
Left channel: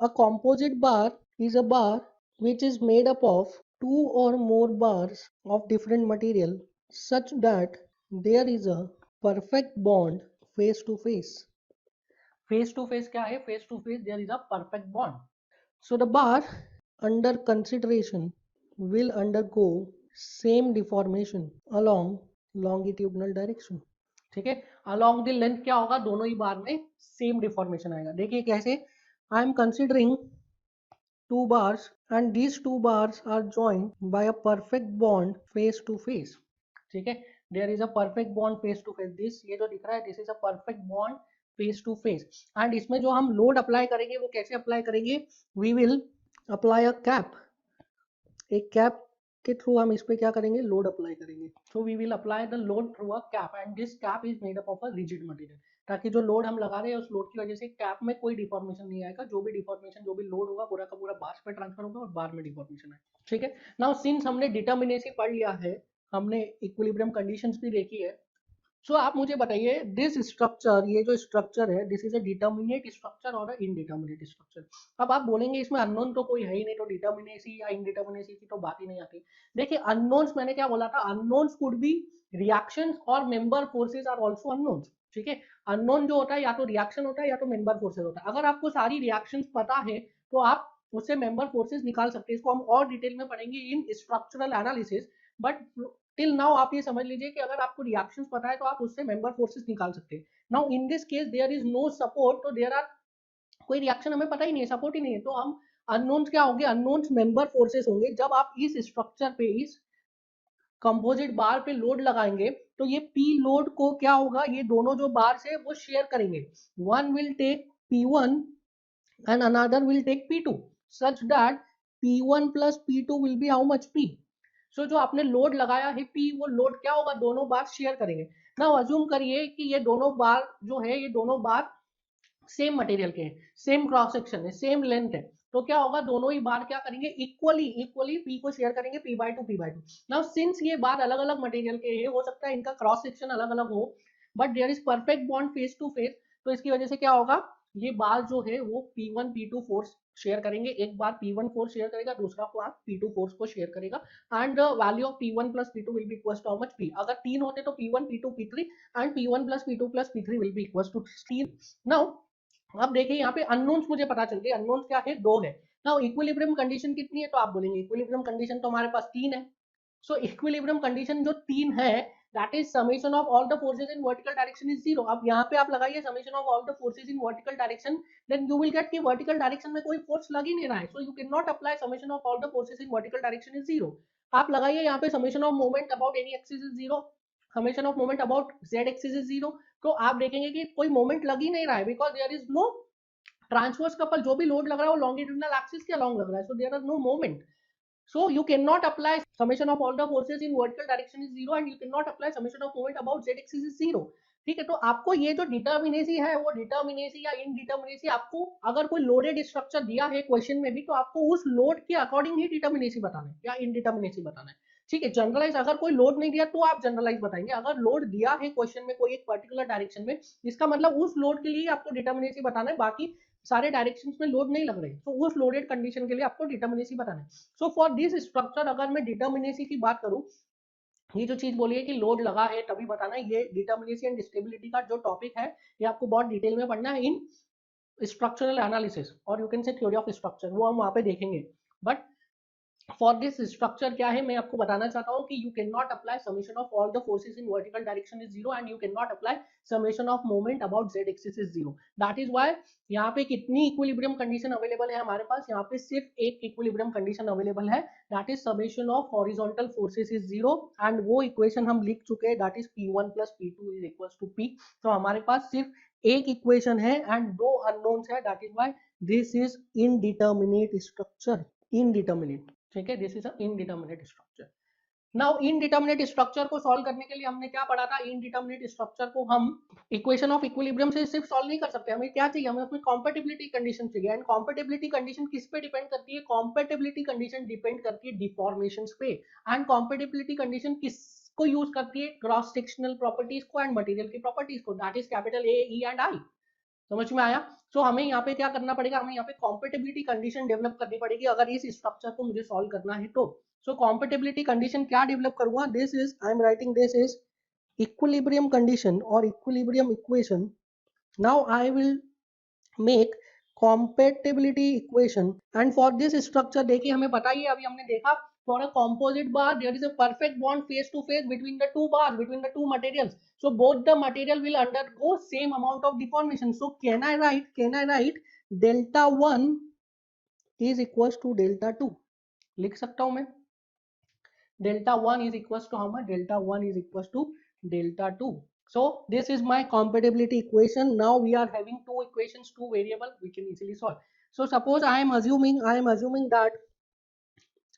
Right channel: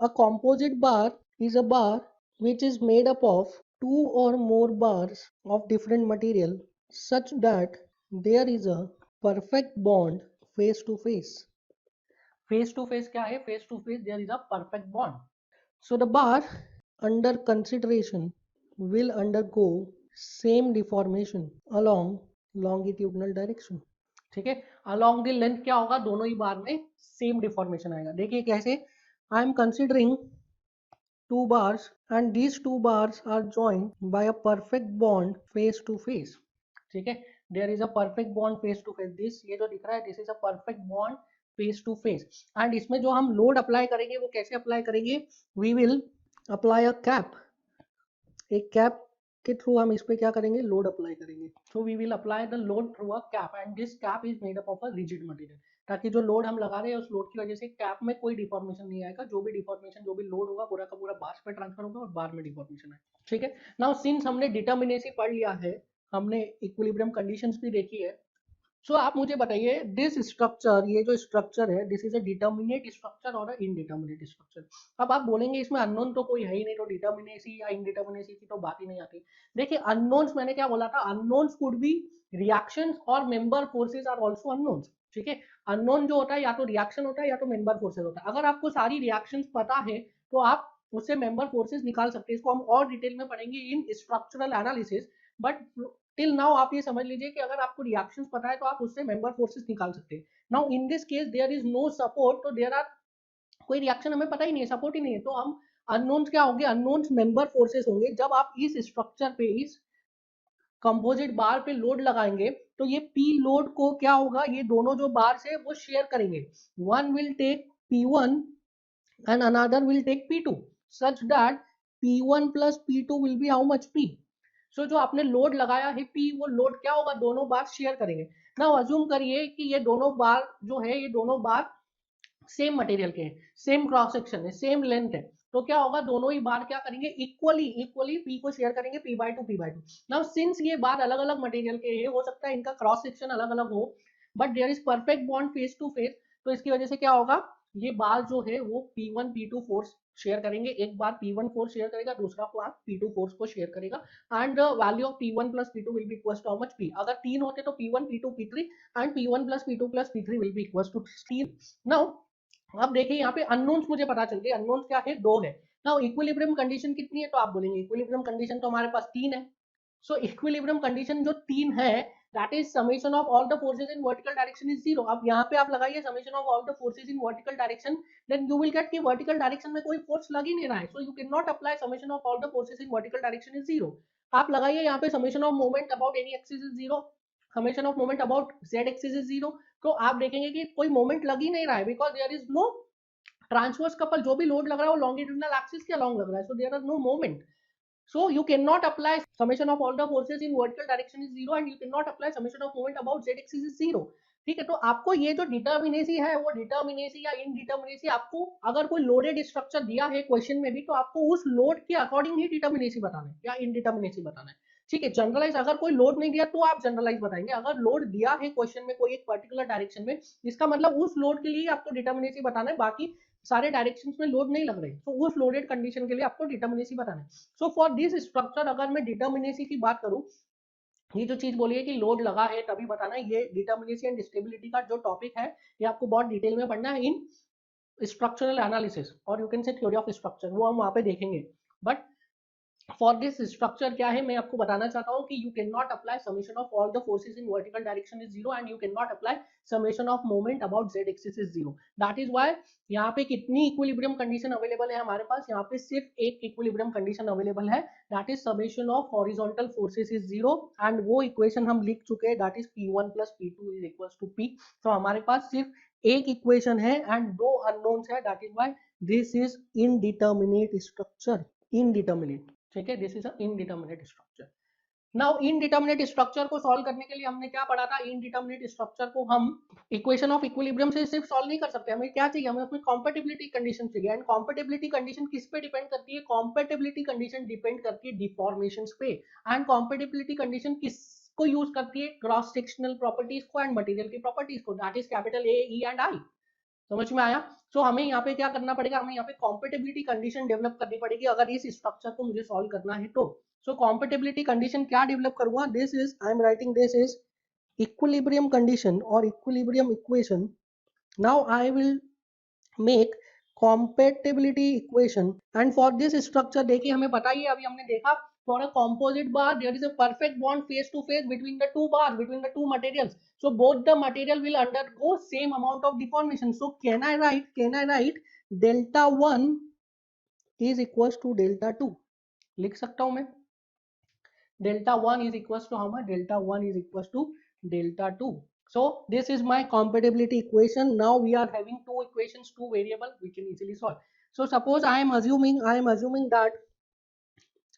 A composite bar is a bar which is made up of 2 or more bars of different material such that there is a perfect bond face to face. Face to face क्या है? Face to face there is a perfect bond. So the bar under consideration will undergo same deformation along longitudinal direction. ठीक है. along the length क्या होगा? दोनों ही बार में same deformation आएगा. देखिए कैसे? I am considering two bars and these two bars are joined by a perfect bond face to face. ठीक है. There is a perfect bond face to face. This ये जो दिख रहा है, this is a perfect bond face to face. And इसमें जो हम लोड अप्लाई करेंगे वो कैसे अप्लाई करेंगे? We will apply a cap. एक कैप के थ्रू हम इस पे क्या करेंगे? लोड अप्लाई करेंगे. So we will apply the load through a cap and this cap is made up of a rigid material. ताकि जो लोड हम लगा रहे हैं उस लोड की वजह से कैप में कोई डिफॉर्मेशन नहीं आएगा, जो भी डिफॉर्मेशन, जो भी लोड होगा पूरा का पूरा बार पे ट्रांसफर होगा और बार में डिफॉर्मेशन आएगा. ठीक है. नाउ सिंस हमने डिटर्मिनेसी पढ़ लिया है, हमने इक्विलिब्रियम कंडीशंस भी देखी है, सो आप मुझे बताइए दिस स्ट्रक्चर, ये जो स्ट्रक्चर है, this is a determinate structure और इनडिटर्मिनेट स्ट्रक्चर. अब आप बोलेंगे इसमें अननोन तो कोई है ही नहीं, तो डिटर्मिनेसी या इनडिटर्मिनेसी की तो बात ही नहीं आती. देखिए अननोन्स, मैंने क्या बोला था? अननोन्स कुड बी रिएक्शंस और member forces are also unknowns. ठीक है. अननोन जो होता है या तो रिएक्शन होता है या तो मेंबर फोर्सेस होता है. अगर आपको सारी रिएक्शंस पता है तो आप उससे मेंबर फोर्सेस निकाल सकते हैं. इसको हम और डिटेल में पढ़ेंगे इन structural analysis, but till now आप ये समझ लीजिए कि अगर आपको रिएक्शंस पता है तो आप उससे मेंबर फोर्सेस निकाल सकते हैं. Now in this case there is no support, तो देयर आर कोई रिएक्शन हमें पता ही नहीं है, सपोर्ट ही नहीं है, तो हम अननोन्स क्या होंगे? अननोन्स मेंबर फोर्सेस होंगे. जब आप इस स्ट्रक्चर पे, इस कंपोजिट बार पे लोड लगाएंगे तो ये पी लोड को क्या होगा? ये दोनों जो बार्स है वो शेयर करेंगे. One will take P1 and another will take P2 such that P1 plus P2 will be how much? P. सो जो आपने लोड लगाया है P, वो लोड क्या होगा, दोनों बार शेयर करेंगे। नाउ अज्यूम करिए कि ये दोनों बार जो है, ये दोनों बार सेम मटेरियल के हैं, सेम क्रॉस सेक्शन है, सेम लेंथ है, तो क्या होगा, दोनों ही बार क्या करेंगे, इक्वली इक्वली पी को शेयर करेंगे, p/2 नाउ सिंस ये बार अलग अलग मटेरियल के हैं, हो सकता है इनका क्रॉस सेक्शन अलग अलग हो, but there is perfect bond face to face, तो इसकी वजह से क्या होगा, ये बार जो है वो p1 p2 फोर्स शेयर करेंगे, एक बार p1 फोर्स शेयर करेगा, दूसरा बार p2 फोर्स को शेयर करेगा, and value of p1 plus p2 will be equals to how much p, अगर तीन होते तो p1 p2 p3 एंड p1 plus p2 plus p3 will be equals to 16। Now आप देखिए यहाँ पे अननोन्स मुझे पता चल गए, अननोन्स क्या है, दो है ना। इक्विलिब्रियम कंडीशन कितनी है, तो आप बोलेंगे इक्विलिब्रियम कंडीशन तो हमारे पास तीन है। सो इक्विलिब्रियम कंडीशन जो तीन है, that is summation of all the forces in vertical direction is zero. अब यहाँ पे आप लगाइए summation of all the forces in vertical direction, then you will get कि वर्टिकल डायरेक्शन में कोई फोर्स लग ही नहीं रहा है, so you can not apply summation of all the forces in vertical direction is zero. आप लगाइए यहाँ पे summation of moment about any axis is zero, summation of moment about Z axis is zero, तो आप देखेंगे कि कोई moment लग ही नहीं रहा है, because there is no transverse couple, जो भी लोड लग रहा है वो लॉन्गिट्यूडिनल एक्सिस के अलॉन्ग लग रहा है, so there is no moment, so you cannot apply summation of all the forces in vertical direction is zero and you cannot apply summation of moment about z axis is zero। ठीक है, तो आपको ये जो determinacy है, वो determinacy या indeterminacy, आपको अगर कोई लोडेड स्ट्रक्चर दिया है क्वेश्चन में भी, तो आपको उस लोड के अकॉर्डिंग ही डिटर्मिनेसी बताना है या इनडिटर्मिनेसी बताना है। ठीक है, जनरलाइज अगर कोई लोड नहीं दिया तो आप जनरलाइज बताएंगे, अगर लोड दिया है क्वेश्चन में कोई एक पर्टिकुलर डायरेक्शन में, इसका मतलब उस लोड के लिए आपको डिटर्मिनेसी बताना है, बाकी सारे डायरेक्शंस में लोड नहीं लग रहे, तो उस लोडेड कंडीशन के लिए आपको डिटर्मिनेसी बताना है। सो फॉर दिस स्ट्रक्चर अगर मैं डिटर्मिनेसी की बात करूं, ये जो चीज बोली है कि लोड लगा है तभी बताना है, ये डिटर्मिनेसी एंड स्टेबिलिटी का जो टॉपिक है, ये आपको बहुत डिटेल में पढ़ना है इन स्ट्रक्चरल एनालिसिस, और you can see theory of structure, वो हम वहां पे देखेंगे। बट फॉर दिस स्ट्रक्चर क्या है, मैं आपको बताना चाहता हूँ कि you can not apply summation of all the forces in vertical direction is zero and you can not apply summation of moment about Z axis is zero. That is why यहाँ पे कितनी इक्विलिब्रियम कंडीशन अवेलेबल है हमारे पास, यहाँ पे सिर्फ एक equilibrium condition available है, that is summation of horizontal forces is zero, and वो इक्वेशन हम लिख चुके हैं, that is p1 plus p2 is equal to p। तो हमारे पास सिर्फ एक इक्वेशन है एंड दो अननोन्स है, that is why this is indeterminate structure, indeterminate. ठीक है, this is a indeterminate structure. Now indeterminate structure को सॉल्व करने के लिए हमने क्या पढ़ा था, इनडिटर्मिनेट स्ट्रक्चर को हम इक्वेशन ऑफ इक्विलिब्रियम से सिर्फ सॉल्व नहीं कर सकते, हमें क्या चाहिए, हमें कोई कॉम्पेटिबिलिटी कंडीशन चाहिए, एंड कॉम्पेटिबिलिटी कंडीशन किस पे डिपेंड करती है, कॉम्पेटिबिलिटी कंडीशन डिपेंड करती है डिफॉर्मेशंस पे, एंड कॉम्पेटिबिलिटी कंडीशन किसको यूज करती है, क्रॉस सेक्शनल प्रॉपर्टीज को एंड मटेरियल की प्रॉपर्टीज को, that is capital A E and I. समझ में आया। तो हमें यहाँ पे क्या करना पड़ेगा, हमें यहाँ पे कॉम्पेटिबिलिटी कंडीशन डेवलप करनी पड़ेगी अगर इस स्ट्रक्चर को मुझे सॉल्व करना है तो। सो कॉम्पेटिबिलिटी कंडीशन क्या डेवलप करूंगा, this is I am writing this is equilibrium condition और equilibrium equation. Now I will make compatibility equation and for this structure देखिए हमें पता ही है, अभी हमने देखा, for a composite bar there is a perfect bond face to face between the two bars, between the two materials, so both the material will undergo same amount of deformation, so can I write delta 1 is equals to delta 2, लिख सकता हूं मैं, delta 1 is equals to how much, delta 1 is equals to delta 2। so this is my compatibility equation, now we are having two equations, two variable, we can easily solve। so suppose I am assuming that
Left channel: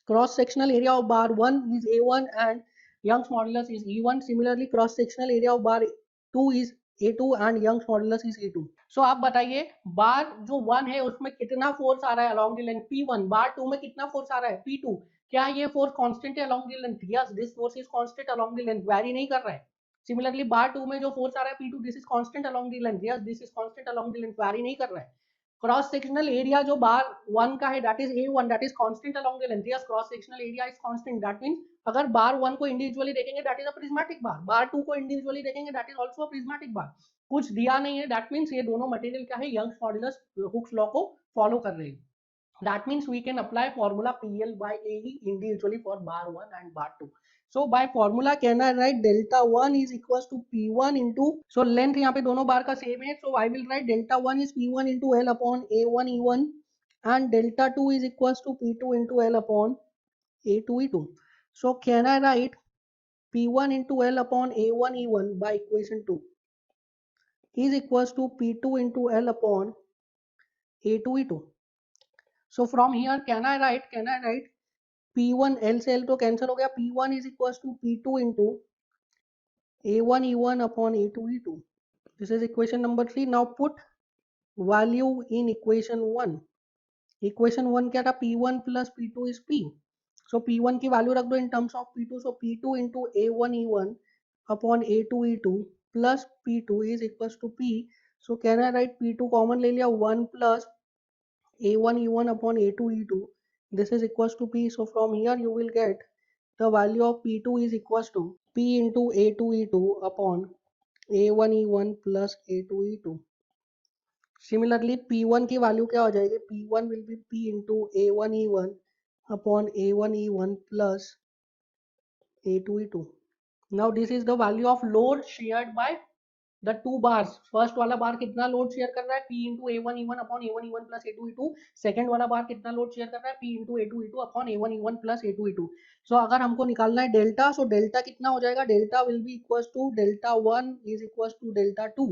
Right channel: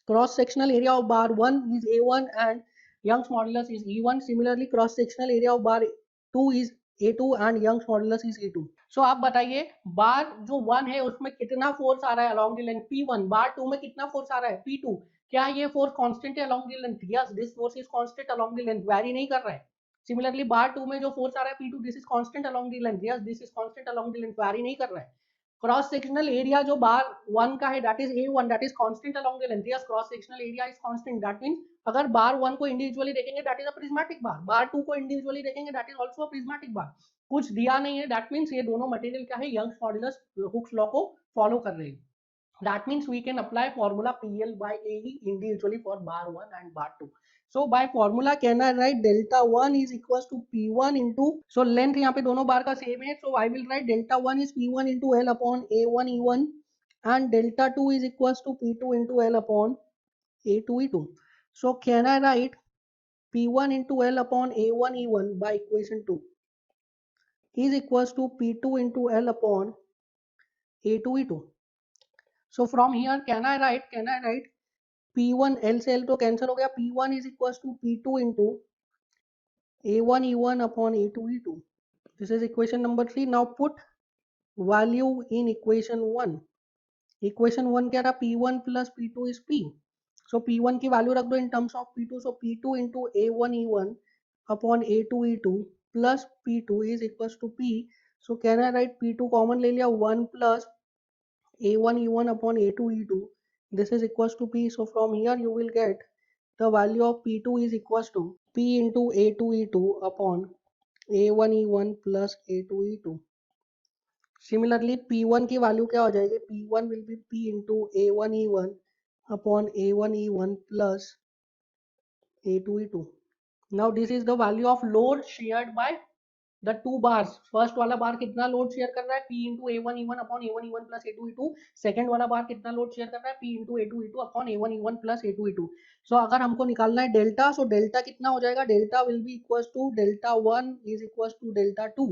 cross sectional area of bar 1 is a1 and Young's modulus is e1, similarly cross sectional area of bar 2 is a2 and Young's modulus is e2। so आप बताइए बार जो 1 है उसमें कितना force आ रहा है along the length p1, बार 2 में कितना फोर्स आ रहा है p2, क्या ये फोर्स कांस्टेंट है along the length, yes this force is constant along the length, vary नहीं कर रहा है। सिमिलरली बार 2 में जो फोर्स आ रहा है p2, this is constant along the length, yes this is constant along the length, vary नहीं कर रहा है। क्रॉस सेक्शनल एरिया जो बार 1 का है that is a1, that is constant along the length, yes cross sectional area is constant, that means अगर bar 1 को individually देखेंगे that is a prismatic bar, bar 2 को इंडिविजुअली देखेंगे that is also a prismatic bar. कुछ दिया नहीं है, that means ये दोनों मटेरियल क्या है, यंग्स मॉड्यूलस हुक्स लॉ को फॉलो कर रहे हैं, that means we can apply formula PL by AE individually for bar 1 and bar 2। so by formula can I write delta 1 is equals to P1 into, so length यहाँ पे दोनों बार का same है, so I will write delta 1 is P1 into L upon A1 E1 and delta 2 is equals to P2 into L upon A2 E2। so can I write P1 into L upon A1 E1 by equation 2 is equals to P2 into L upon A2 E2। so from here can I write P1 L से L तो cancel हो गया, P1 is equals to P2 into A1 E1 upon A2 E2. This is equation number 3. Now put value in equation 1. Equation 1 क्या था, P1 plus P2 is P. So P1 की value रख दो in terms of P2. So P2 into A1 E1 upon A2 E2 plus P2 is equals to P. So can I write P2 common ले लिया, 1 plus A1 E1 upon A2 E2. This is equals to P. So from here you will get the value of P2 is equals to P into A2 E2 upon A1 E1 plus A2 E2. Similarly, P1 की value क्या हो जाएगी, P1 will be P into A1 E1 upon A1 E1 plus A2 E2. Now this is the value of load shared by the two bars. First वाला बार कितना load share कर रहा है, P into A1 E1 upon A1 E1 plus A2 E2. Second वाला बार कितना load share कर रहा है, P into A2 E2 upon A1 E1 plus A2 E2. सो अगर हमको निकालना है डेल्टा, सो डेल्टा कितना हो जाएगा, delta will be equals to delta 1 is equals to delta 2.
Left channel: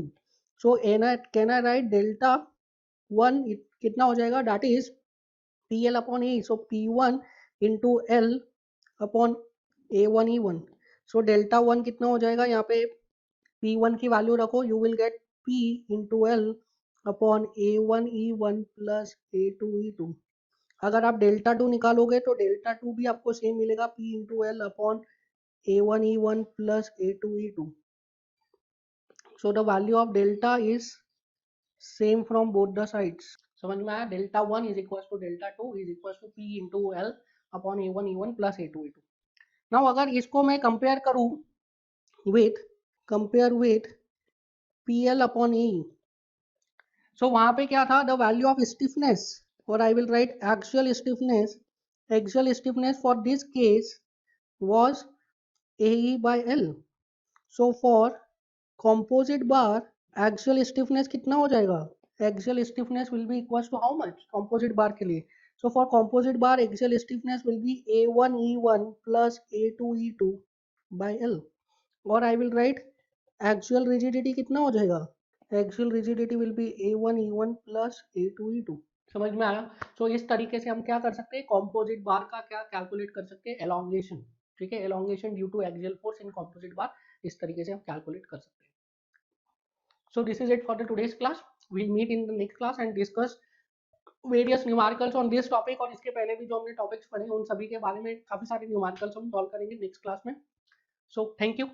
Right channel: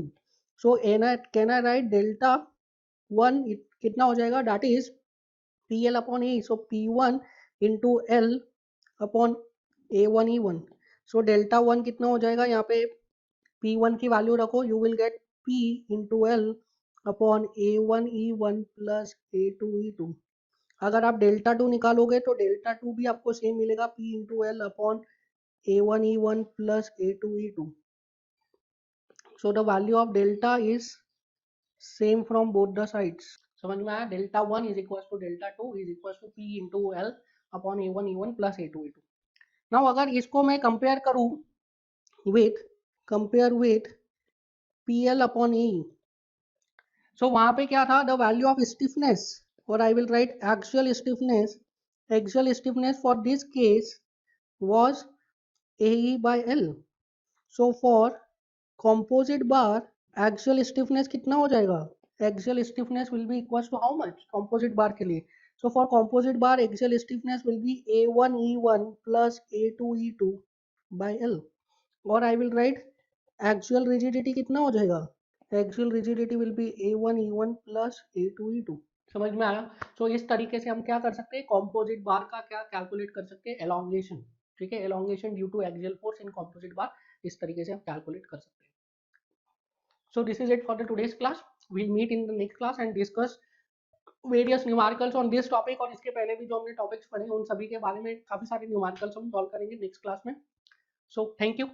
So can I write delta 1 कितना हो जाएगा, that is PL upon A. So P1 into L upon A1 E1. So delta 1 कितना हो जाएगा, यहाँ पे P1 की वैल्यू रखो, you will gate P into L upon A1 E1 plus A2 E2. अगर आप डेल्टा 2 निकालोगे तो डेल्टा 2 भी आपको सेम मिलेगा, P into L upon A1 E1 plus A2 E2. So the value of delta is same from both the sides. समझ में आया, delta 1 is equals to delta 2 is equals to P into L upon A1 E1 plus A2 E2. Now अगर इसको मैं compare करूँ with PL upon AE. So वहां पे क्या था, the value of stiffness, or I will write axial stiffness for this case was AE by L. So for composite bar axial stiffness कितना हो जाएगा, axial stiffness will be equals to how much composite bar के लिए. So for composite bar axial stiffness will be A1 E1 plus A2 E2 by L. और I will write axial rigidity कितना हो जाएगा, axial rigidity will be A1 E1 plus A2 E2. समझ में आया. तो इस तरीके से हम क्या कर सकते हैं, कॉम्पोजिट बार का क्या कैलकुलेट कर सकते हैं, एलोंगेशन. ठीक है, elongation due to axial force in composite bar, इस तरीके से हम कैलकुलेट कर सकते हैं. So this is it for the today's class. We'll meet in the next class and discuss various numericals on this topic. और इसके पहले भी जो हमने टॉपिक्स पढ़े उन सभी के बारे में काफी सारे न्यूमेरिकल्स हम सॉल्व करेंगे नेक्स्ट क्लास में. So thank you.